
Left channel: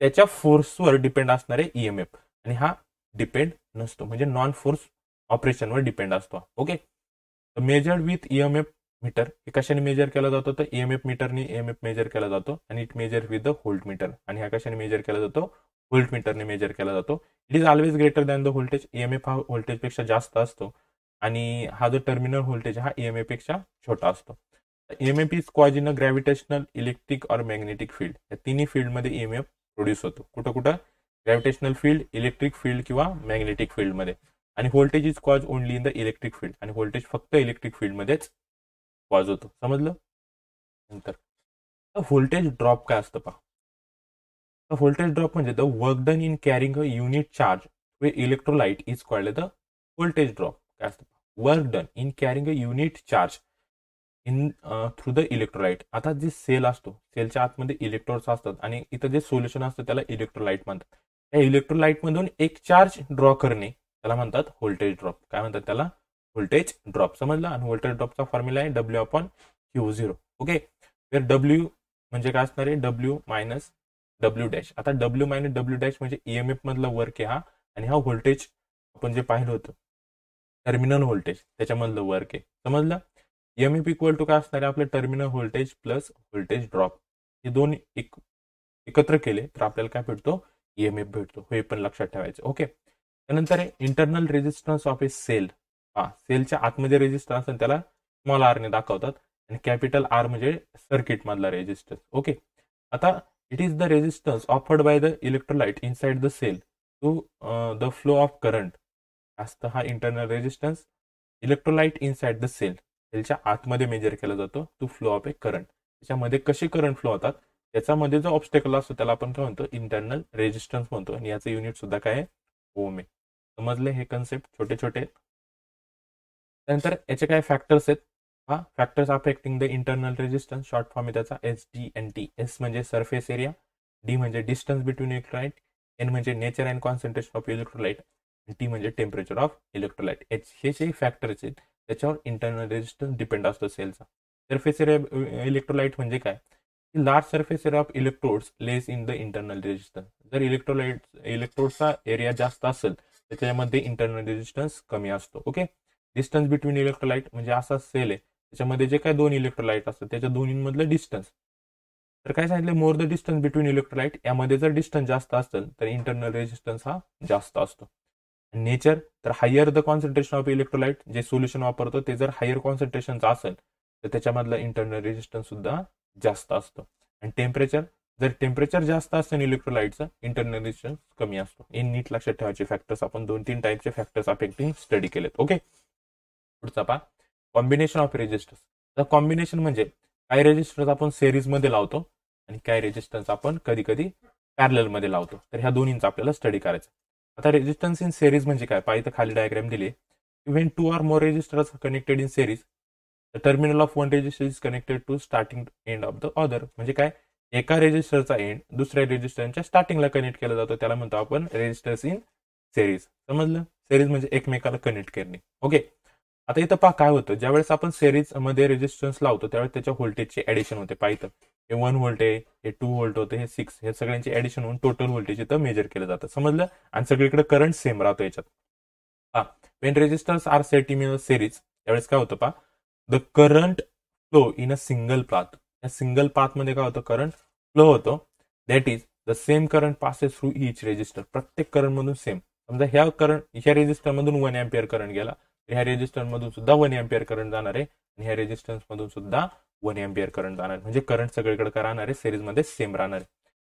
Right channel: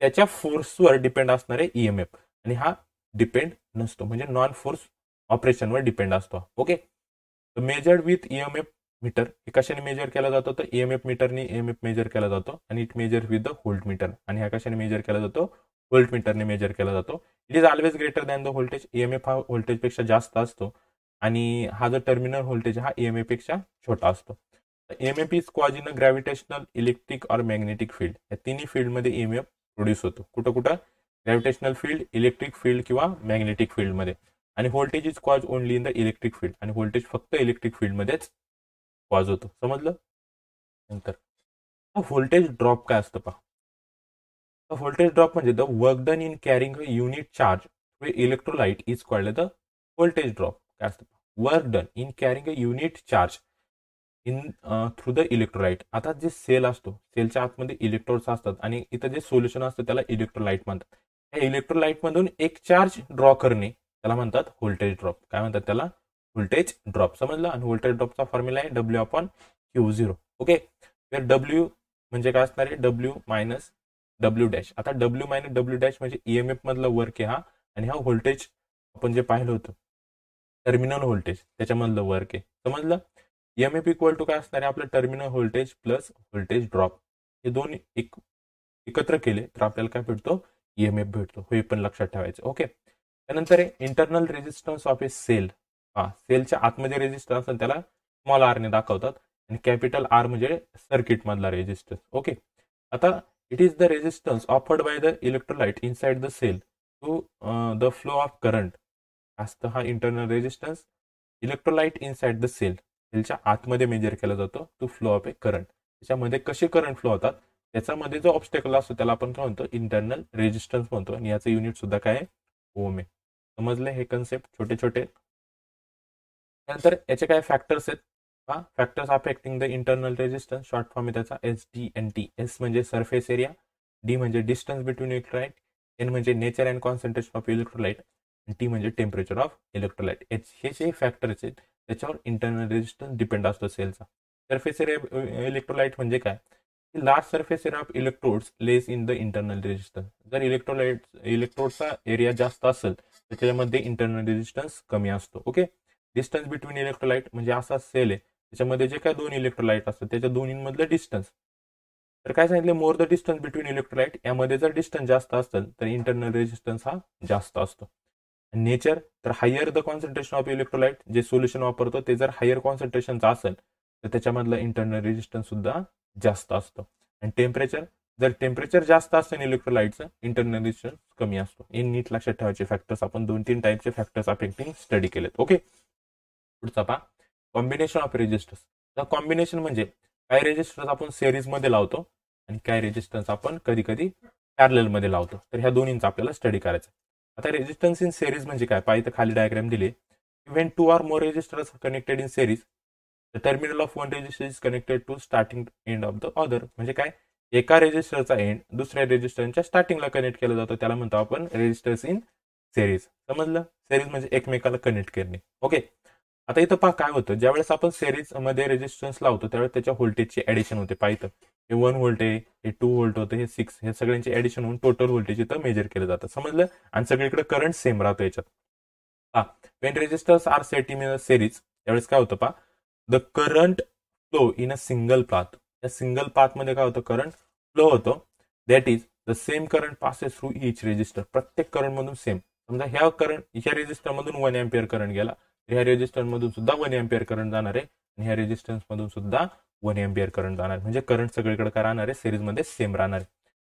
त्याच्या फोर्सवर डिपेंड असणार आहे ईएमएफ, आणि हा डिपेंड नसतो, म्हणजे नॉन फोर्स ऑपरेशनवर डिपेंड असतो. Okay. Measured with EMF meter. हे कशाने मेजर केला जातो, तर ईएमएफ मीटरने ईएमएफ मेजर केला जातो. आणि it measure with the volt meter. आणि हा कशाने मेजर केला जातो, व्होल्ट मीटरने मेजर केला जातो. It is always greater than the voltage. EMF हा व्होल्टेजपेक्षा जास्त असतो, आणि हा जो टर्मिनल व्होल्टेज हा ईएमएफ पेक्षा छोटा असतो. EMF is cause in a gravitational, electric और मॅग्नेटिक फील्ड. या तिन्ही फील्डमध्ये ईएमएफ प्रोड्यूस होतो. कुठं कुठं, ग्रॅव्हिटेशनल फील्ड, इलेक्ट्रिक फील्ड किंवा मॅग्नेटिक फील्डमध्ये. आणि voltage is cause only in the electric field. आणि व्होल्टेज फक्त इलेक्ट्रिक फील्डमध्येच कॉज होतो. समजलं. नंतर व्होल्टेज ड्रॉप काय असतं पहा. व्होल्टेज ड्रॉप म्हणजे the work done in carrying a unit charge way electrolyte is called the voltage drop. काय असतं, work done in carrying a unit charge in through the electrolyte. आता जे सेल असतो, सेलच्या आतमध्ये इलेक्ट्रोड्स असतात, आणि इथं जे सोल्युशन असतं त्याला इलेक्ट्रोलाइट म्हणतात. त्या इलेक्ट्रोलाइटमधून एक चार्ज ड्रॉ करणे त्याला म्हणतात व्होल्टेज ड्रॉप. काय म्हणतात त्याला, व्होल्टेज ड्रॉप. समजलं. आणि व्होल्टेज ड्रॉपचा फॉर्म्युला आहे W/Q0. ओके. वेर W म्हणजे काय असणार आहे, W-W'. आता W-W' म्हणजे ईएमएफ मधला वर्क आहे हा, आणि हा व्होल्टेज आपण जे पाहिलं होतं टर्मिनल व्होल्टेज त्याच्यामधलं वर्क आहे. समजलं. ईएमएफ = काय असणार आहे, आपलं terminal voltage plus voltage drop. हे दोन एकत्र केले तर आपल्याला काय भेटतो, ईएमएफ भेटतो. हे पण लक्षात ठेवायचं. ओके. त्यानंतर आहे internal resistance of a cell. सेलच्या आतमध्ये रेजिस्टन्स त्याला स्मॉल R ने दाखवतात, आणि कॅपिटल R म्हणजे सर्किट मधला रेजिस्टन्स. ओके. आता it is the resistance offered by the electrolyte inside the cell to the flow of current असतं हा internal resistance. Electrolyte inside the सेलच्या आतमध्ये मेजर केला जातो to flow of a current. त्याच्यामध्ये कसे करंट फ्लो होतात त्याच्यामध्ये जो ऑब्स्टेकल असतो त्याला आपण काय म्हणतो इंटरनल रेजिस्टन्स म्हणतो आणि याचं युनिट सुद्धा काय आहे ओम आहे. समजले हे कन्सेप्ट छोटे छोटे. त्यानंतर याचे काय फॅक्टर्स आहेत हा factors affecting the internal resistance short form आहे त्याचा SDNT. एस म्हणजे सरफेस एरिया, डी म्हणजे डिस्टन्स बिटवीन इलेक्ट्रोलाइट, एन म्हणजे nature and concentration of electrolyte, T म्हणजे टेम्परेचर ऑफ इलेक्ट्रोलाइट. हे जे फॅक्टर्स आहेत त्याच्यावर इंटरनल रेजिस्टन्स डिपेंड असतो सेलचा. सरफेस एरिया इलेक्ट्रोलाइट म्हणजे काय large surface area of electrodes less in the internal resistance. जर इलेक्ट्रोडचा एरिया जास्त असेल तर त्याच्यामध्ये इंटरनल रेजिस्टन्स कमी असतो. ओके. डिस्टन्स बिटवीन इलेक्ट्रोलाइट म्हणजे असा सेल आहे त्याच्यामध्ये जे काय दोन इलेक्ट्रोलाइट असतात त्याच्या दोन्हीमधलं डिस्टन्स. तर काय सांगितलं more the distance between electrolyte यामध्ये जर डिस्टन्स जास्त असेल तर इंटरनल रेजिस्टन्स हा जास्त असतो. नेचर तर higher the concentration of electrolyte जे सोल्युशन वापरतो ते जर हायर कॉन्सन्ट्रेशनचं असेल तर त्याच्यामधलं इंटरनल रेजिस्टन्स सुद्धा जास्त असतो. आणि टेम्परेचर जर टेम्परेचर जास्त असेल इलेक्ट्रोलाइटचं इंटरनल रेजिस्टन्स कमी असतो. हे नीट लक्षात ठेवायचे फॅक्टर्स आपण 2-3 टाईपचे फॅक्टर्स अफेक्टिंग स्टडी केलेत. ओके. पुढचा पहा कॉम्बिनेशन ऑफ रेजिस्टर्स. तर कॉम्बिनेशन म्हणजे काही रेजिस्टर्स आपण सिरीजमध्ये लावतो आणि काही रेजिस्टन्स आपण कधी कधी पॅरललमध्ये लावतो. तर ह्या दोन्हींचा आपल्याला स्टडी करायचा. आता रेजिस्टन्स इन सिरीज म्हणजे काय पाहिजे खाली डायग्राम दिले. When 2 or more resistors connected in series the terminal of one resistor is connected to starting end of the other. म्हणजे काय एका रेजिस्टरचा एंड दुसऱ्या रेजिस्टरच्या स्टार्टिंगला कनेक्ट केला जातो त्याला म्हणतो आपण रेजिस्टर्स इन सिरीज. समजलं. सिरीज म्हणजे एकमेकाला कनेक्ट करणे. ओके. आता इथं पहा काय होतं ज्यावेळेस आपण सिरीजमध्ये रेजिस्टन्स लावतो त्यावेळेस त्याच्या व्होल्टेजची ॲडिशन होते. पाहिजे हे 1 व्होल्ट आहे हे 2 व्होल्ट होतं हे 6 हे सगळ्यांचे ॲडिशन होऊन टोटल व्होल्टेज इथं मेजर केलं जातं. समजलं. आणि सगळीकडे करंट सेम राहतो याच्यात. पहा when resistors are set in series त्यावेळेस काय होतं पहा the current flow in a single path. या सिंगल पाथमध्ये काय होतं करंट फ्लो होतो. That is the same current passes through each resistor. प्रत्येक करंटमधून सेम. समजा ह्या रेजिस्टरमधून 1 अँपियर करंट गेला ह्या रेजिस्टरमधून सुद्धा 1 अँपियर करंट जाणार आहे आणि ह्या रेजिस्टन्समधून सुद्धा 1 अँपियर करंट जाणार आहे. म्हणजे करंट सगळीकडे काय राहणार आहे सिरीजमध्ये सेम राहणार आहे.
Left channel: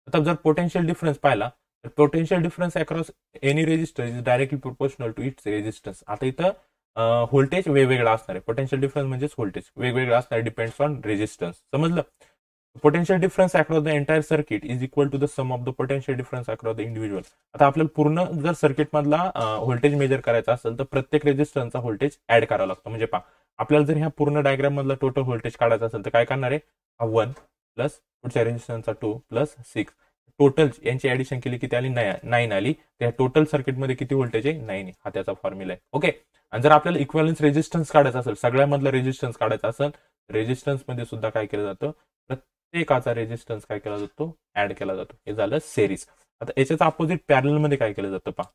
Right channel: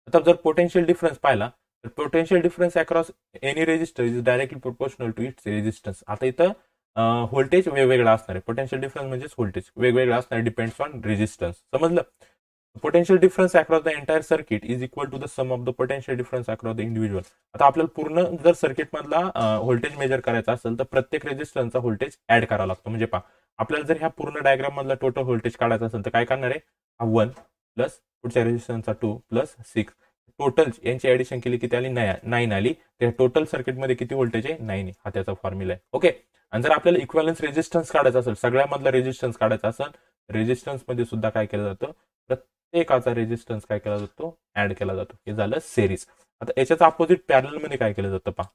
आता जर पोटेन्शियल डिफरन्स पाहिला तर potential difference across any resistor is directly proportional to its resistance. आता इथं व्होल्टेज वेगवेगळा असणार आहे. पोटेन्शियल डिफरन्स म्हणजेच व्होल्टेज वेगवेगळा असणार आहे डिपेंड्स ऑन रेजिस्टन्स. समजलं. Potential difference across the entire circuit is equal to the sum of the potential difference across the individual. आता आपल्याला पूर्ण जर सर्किटमधला व्होल्टेज मेजर करायचा असेल तर प्रत्येक रेजिस्टन्सचा व्होल्टेज ऍड करावा लागतो. म्हणजे पहा आपल्याला जर ह्या पूर्ण डायग्राम मधला टोटल व्होल्टेज काढायचा असेल तर काय करणार आहे हा 1 प्लस पुढच्या रेजिस्टन्सचा 2 प्लस 6 टोटल यांची ऍडिशन केली की त्याला 9 आली. त्या टोटल सर्किटमध्ये किती व्होल्टेज आहे 9 हा त्याचा फॉर्म्युला आहे. ओके. आणि जर आपल्याला इक्वलन्स रेजिस्टन्स काढायचा असेल सगळ्यामधला रेजिस्टन्स काढायचा असेल रेजिस्टन्समध्ये सुद्धा काय केलं जातं प्रत्येकाचा रेजिस्टन्स काय केला जातो ऍड केला जातो. हे झालं सेरीज. आता याच्याच अपोजिट पॅरलमध्ये काय केलं जातं पहा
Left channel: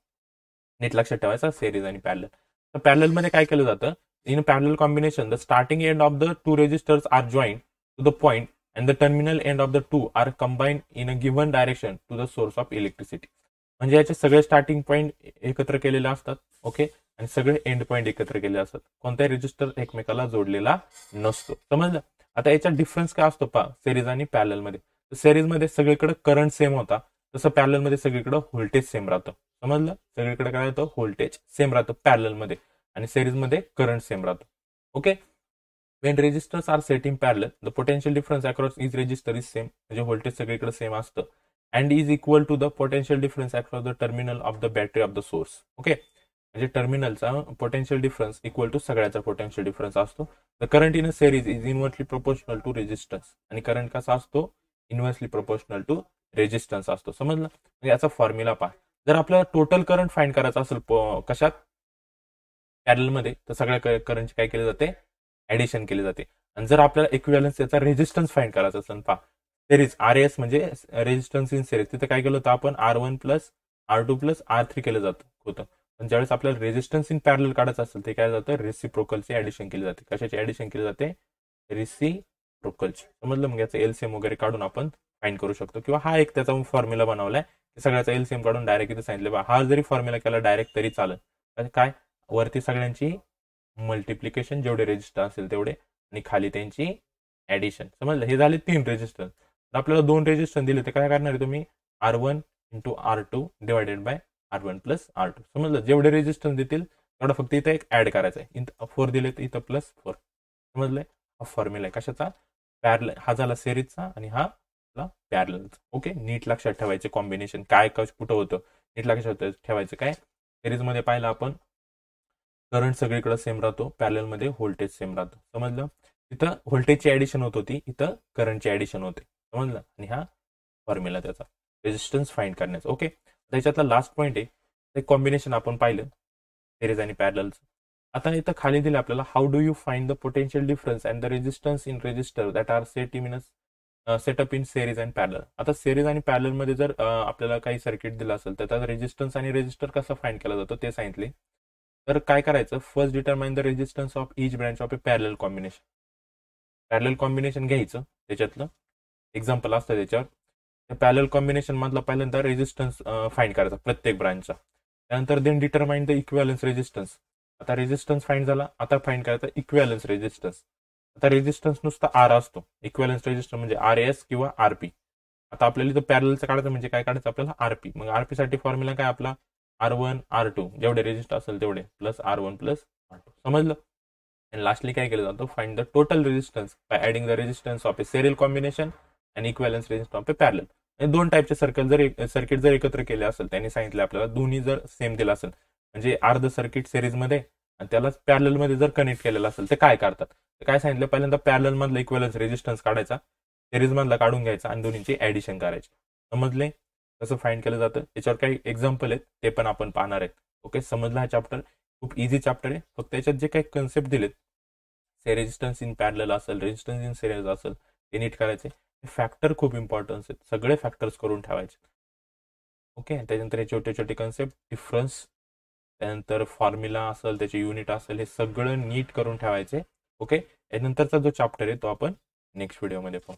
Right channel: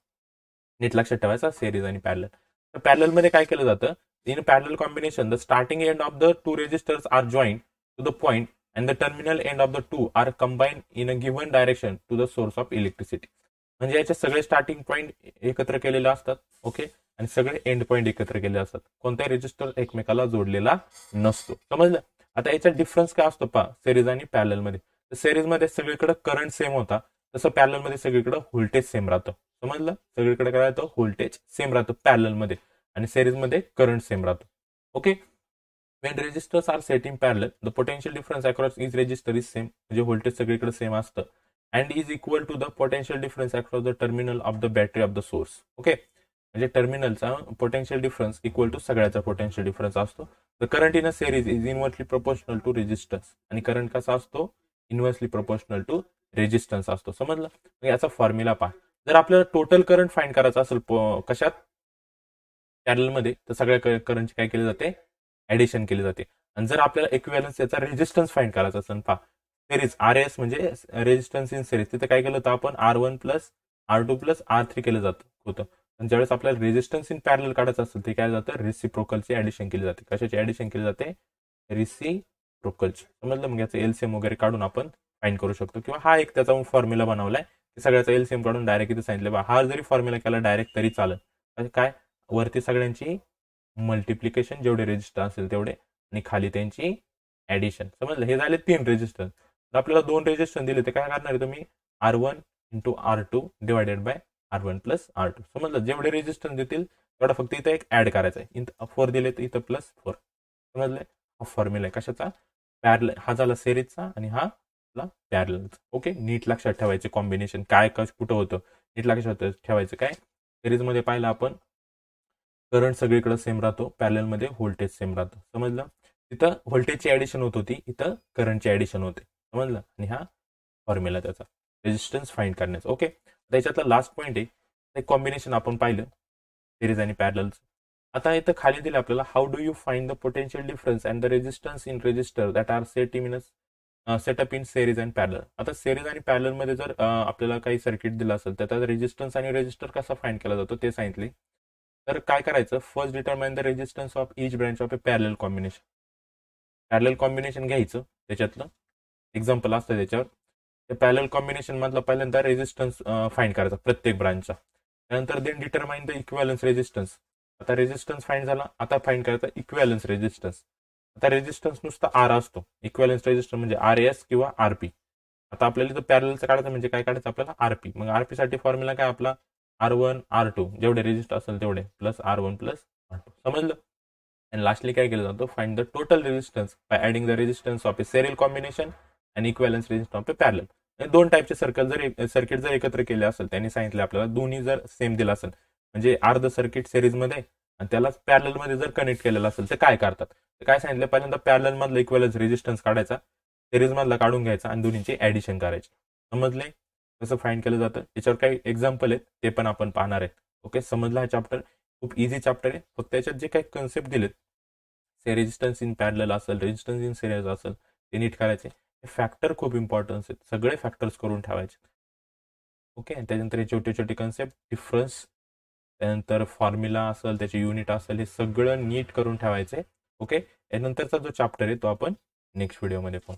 नीट लक्षात ठेवायचा सेरीज आणि पॅरलल. तर पॅरलमध्ये काय केलं जातं in parallel combination the starting end of the 2 resistors are joint to the point and the terminal end of the 2 are combine in a given direction to the source of electricity. म्हणजे याचे सगळे starting point एकत्र केलेले असतात. Okay. आणि सगळे end point एकत्र केले असतात. कोणताही रेजिस्टर एकमेकाला जोडलेला नसतो. समजलं. आता याच्यात डिफरन्स काय असतो पहा सिरीज आणि पॅरलमध्ये. तर सिरीजमध्ये सगळीकडे करंट सेम होता तसं पॅरलमध्ये सगळीकडे व्होल्टेज सेम राहतं. समजलं. सगळीकडे काय राहतं व्होल्टेज सेम राहतं पॅरलमध्ये आणि सिरीजमध्ये करंट सेम राहतो. Okay. When resistors are set in parallel the potential difference across is resistor is same. म्हणजे व्होल्टेज सगळीकडे सेम असतं and is equal to the potential difference across the terminal of the battery of the source. Okay. म्हणजे टर्मिनलचा potential difference equal to सगळ्याचा potential difference असतो. The current in a series is inversely proportional to resistance. आणि current कसा असतो inversely proportional to resistance असतो. समजलं. याचा फॉर्म्युला पहा जर आपल्याला टोटल करंट फाइंड करायचा असेल कशात पॅरलमध्ये तर सगळ्या करंटची काय केली जाते ऍडिशन केली जाते. आणि जर आपल्याला इक्विव्हॅलन्स याचा रेजिस्टन्स फाइंड करायचा असेल पहा सिरीज RS म्हणजे रेजिस्टन्स इन सिरीज तिथे काय केलं होतं आपण R1 plus R2 plus R3 केलं जात होतं. पण ज्यावेळेस आपल्याला रेजिस्टन्स इन पॅरलल काढायचं असेल ते काय जातं रेसिप्रोकलची ऍडिशन केली जाते. कशाची ऍडिशन केली जाते रेसिप्रोकलची. समजलं. मग याचं LCM वगैरे काढून आपण फाइंड करू शकतो किंवा हा एक त्याचा फॉर्म्युला बनवलाय की सगळ्याचा LCM काढून डायरेक्ट इथे सांगितलं बा हा जरी फॉर्म्युला केला डायरेक्ट तरी चालेल. काय वरती सगळ्यांची मल्टिप्लिकेशन जेवढे रेजिस्टर असेल तेवढे आणि खाली त्यांची ऍडिशन. समजलं. हे झाले 3 रेजिस्टन्स. तर आपल्याला 2 रेजिस्टन्स दिले ते काय करणार आहे तुम्ही R1 into R2 divided by R1 plus R2. समजलं, जेवढे रेजिस्टन्स देतील तेवढा फक्त इथं एक ॲड करायचा आहे. इथं 4 दिले तर इथं +4. समजलंय, हा फॉर्म्युला आहे कशाचा, पॅरल, हा झाला सेरीजचा आणि हा आपला पॅरलचा. ओके, नीट लक्षात ठेवायचे कॉम्बिनेशन काय कुठं होतं, नीट लक्षात ठेवायचं. काय सिरीजमध्ये पाहिलं आपण करंट सगळीकडे सेम राहतो, पॅरलमध्ये व्होल्टेज सेम राहतं. समजलं, तिथं व्होल्टेजची ॲडिशन होत होती, इथं करंटची ॲडिशन होते. समजलं, आणि हा फॉर्म्युला त्याचा रेजिस्टन्स फाइंड करण्याचा. ओके, त्याच्यातला लास्ट पॉईंट आहे, ते कॉम्बिनेशन आपण पाहिलं सिरीज आणि पॅरलचं. आता इथं खाली दिलं आपल्याला, how do you find the potential difference and the resistance in resistor that are set up in series and parallel. आता सेरीज आणि पॅरललमध्ये जर आपल्याला काही सर्किट दिलं असेल तर त्याचा रेजिस्टन्स आणि रेजिस्टर कसा फाइंड केला जातो ते सांगितले. तर काय करायचं, first determine the resistance of each branch of A parallel combination. Parallel combination घ्यायचं, त्याच्यातलं एक्झाम्पल असतं त्याच्यावर. त्या पॅरलल कॉम्बिनेशन मधला पहिल्यांदा रेजिस्टन्स फाइंड करायचा प्रत्येक ब्रांचचा. त्यानंतर देन डिटरमाइन द इक्विवॅलन्स रेजिस्टन्स. आता रेजिस्टन्स फाइंड झाला, आता फाइंड करायचा इक्विवॅलन्स रेजिस्टन्स. आता रेजिस्टन्स नुसता आर असतो, इक्विवॅलन्स रेजिस्टन्स म्हणजे RS किंवा RP. आता आपल्याला इथं पॅरलचं काढायचं म्हणजे काय काढायचं आपल्याला RP. मग RP साठी फॉर्म्युला काय आपला R1 R2 जेवढे रेजिस्टर असेल तेवढे प्लस R1 प्लस R2. समजलं. आणि लास्टली काय केलं जातं, find the total resistance bye adding the resistance of A serial combination आणि इक्विवॅलन्स रेजिस्टन्स ऑफ ए पॅरलल. दोन टाईपचे सर्किट जर एकत्र केले असेल, त्यांनी सांगितलं आपल्याला दोन्ही जर सेम दिला असेल म्हणजे अर्ध सर्किट सिरीजमध्ये आणि त्यालाच पॅरललमध्ये जर कनेक्ट केलेलं असेल तर काय करतात, तर काय सांगितलं, पहिल्यांदा पॅरलल मधला इक्विवॅलन्स रेजिस्टन्स काढायचा, सिरीज मधला काढून घ्यायचा आणि दोन्हीची ॲडिशन करायची. समजले कसं फाइंड केलं जातं. याच्यावर काही एक्झाम्पल आहेत ते पण आपण पाहणार आहेत. ओके, समजला हा चॅप्टर, खूप इझी चॅप्टर आहे. फक्त त्याच्यात जे काही कन्सेप्ट दिलेत, रेजिस्टन्स इन पॅरलल असेल, रेजिस्टन्स इन सिरीज असेल, ते नीट करायचे. फॅक्टर खूप इम्पॉर्टन्स आहेत, सगळे फॅक्टर्स करून ठेवायचे. ओके, त्याच्यानंतर हे छोटे छोटे कन्सेप्ट, डिफरन्स, त्यानंतर फॉर्म्युला असेल, त्याचे युनिट असेल, हे सगळं नीट करून ठेवायचे. ओके, यानंतरचा जो चॅप्टर आहे तो आपण नेक्स्ट व्हिडिओमध्ये पाहू.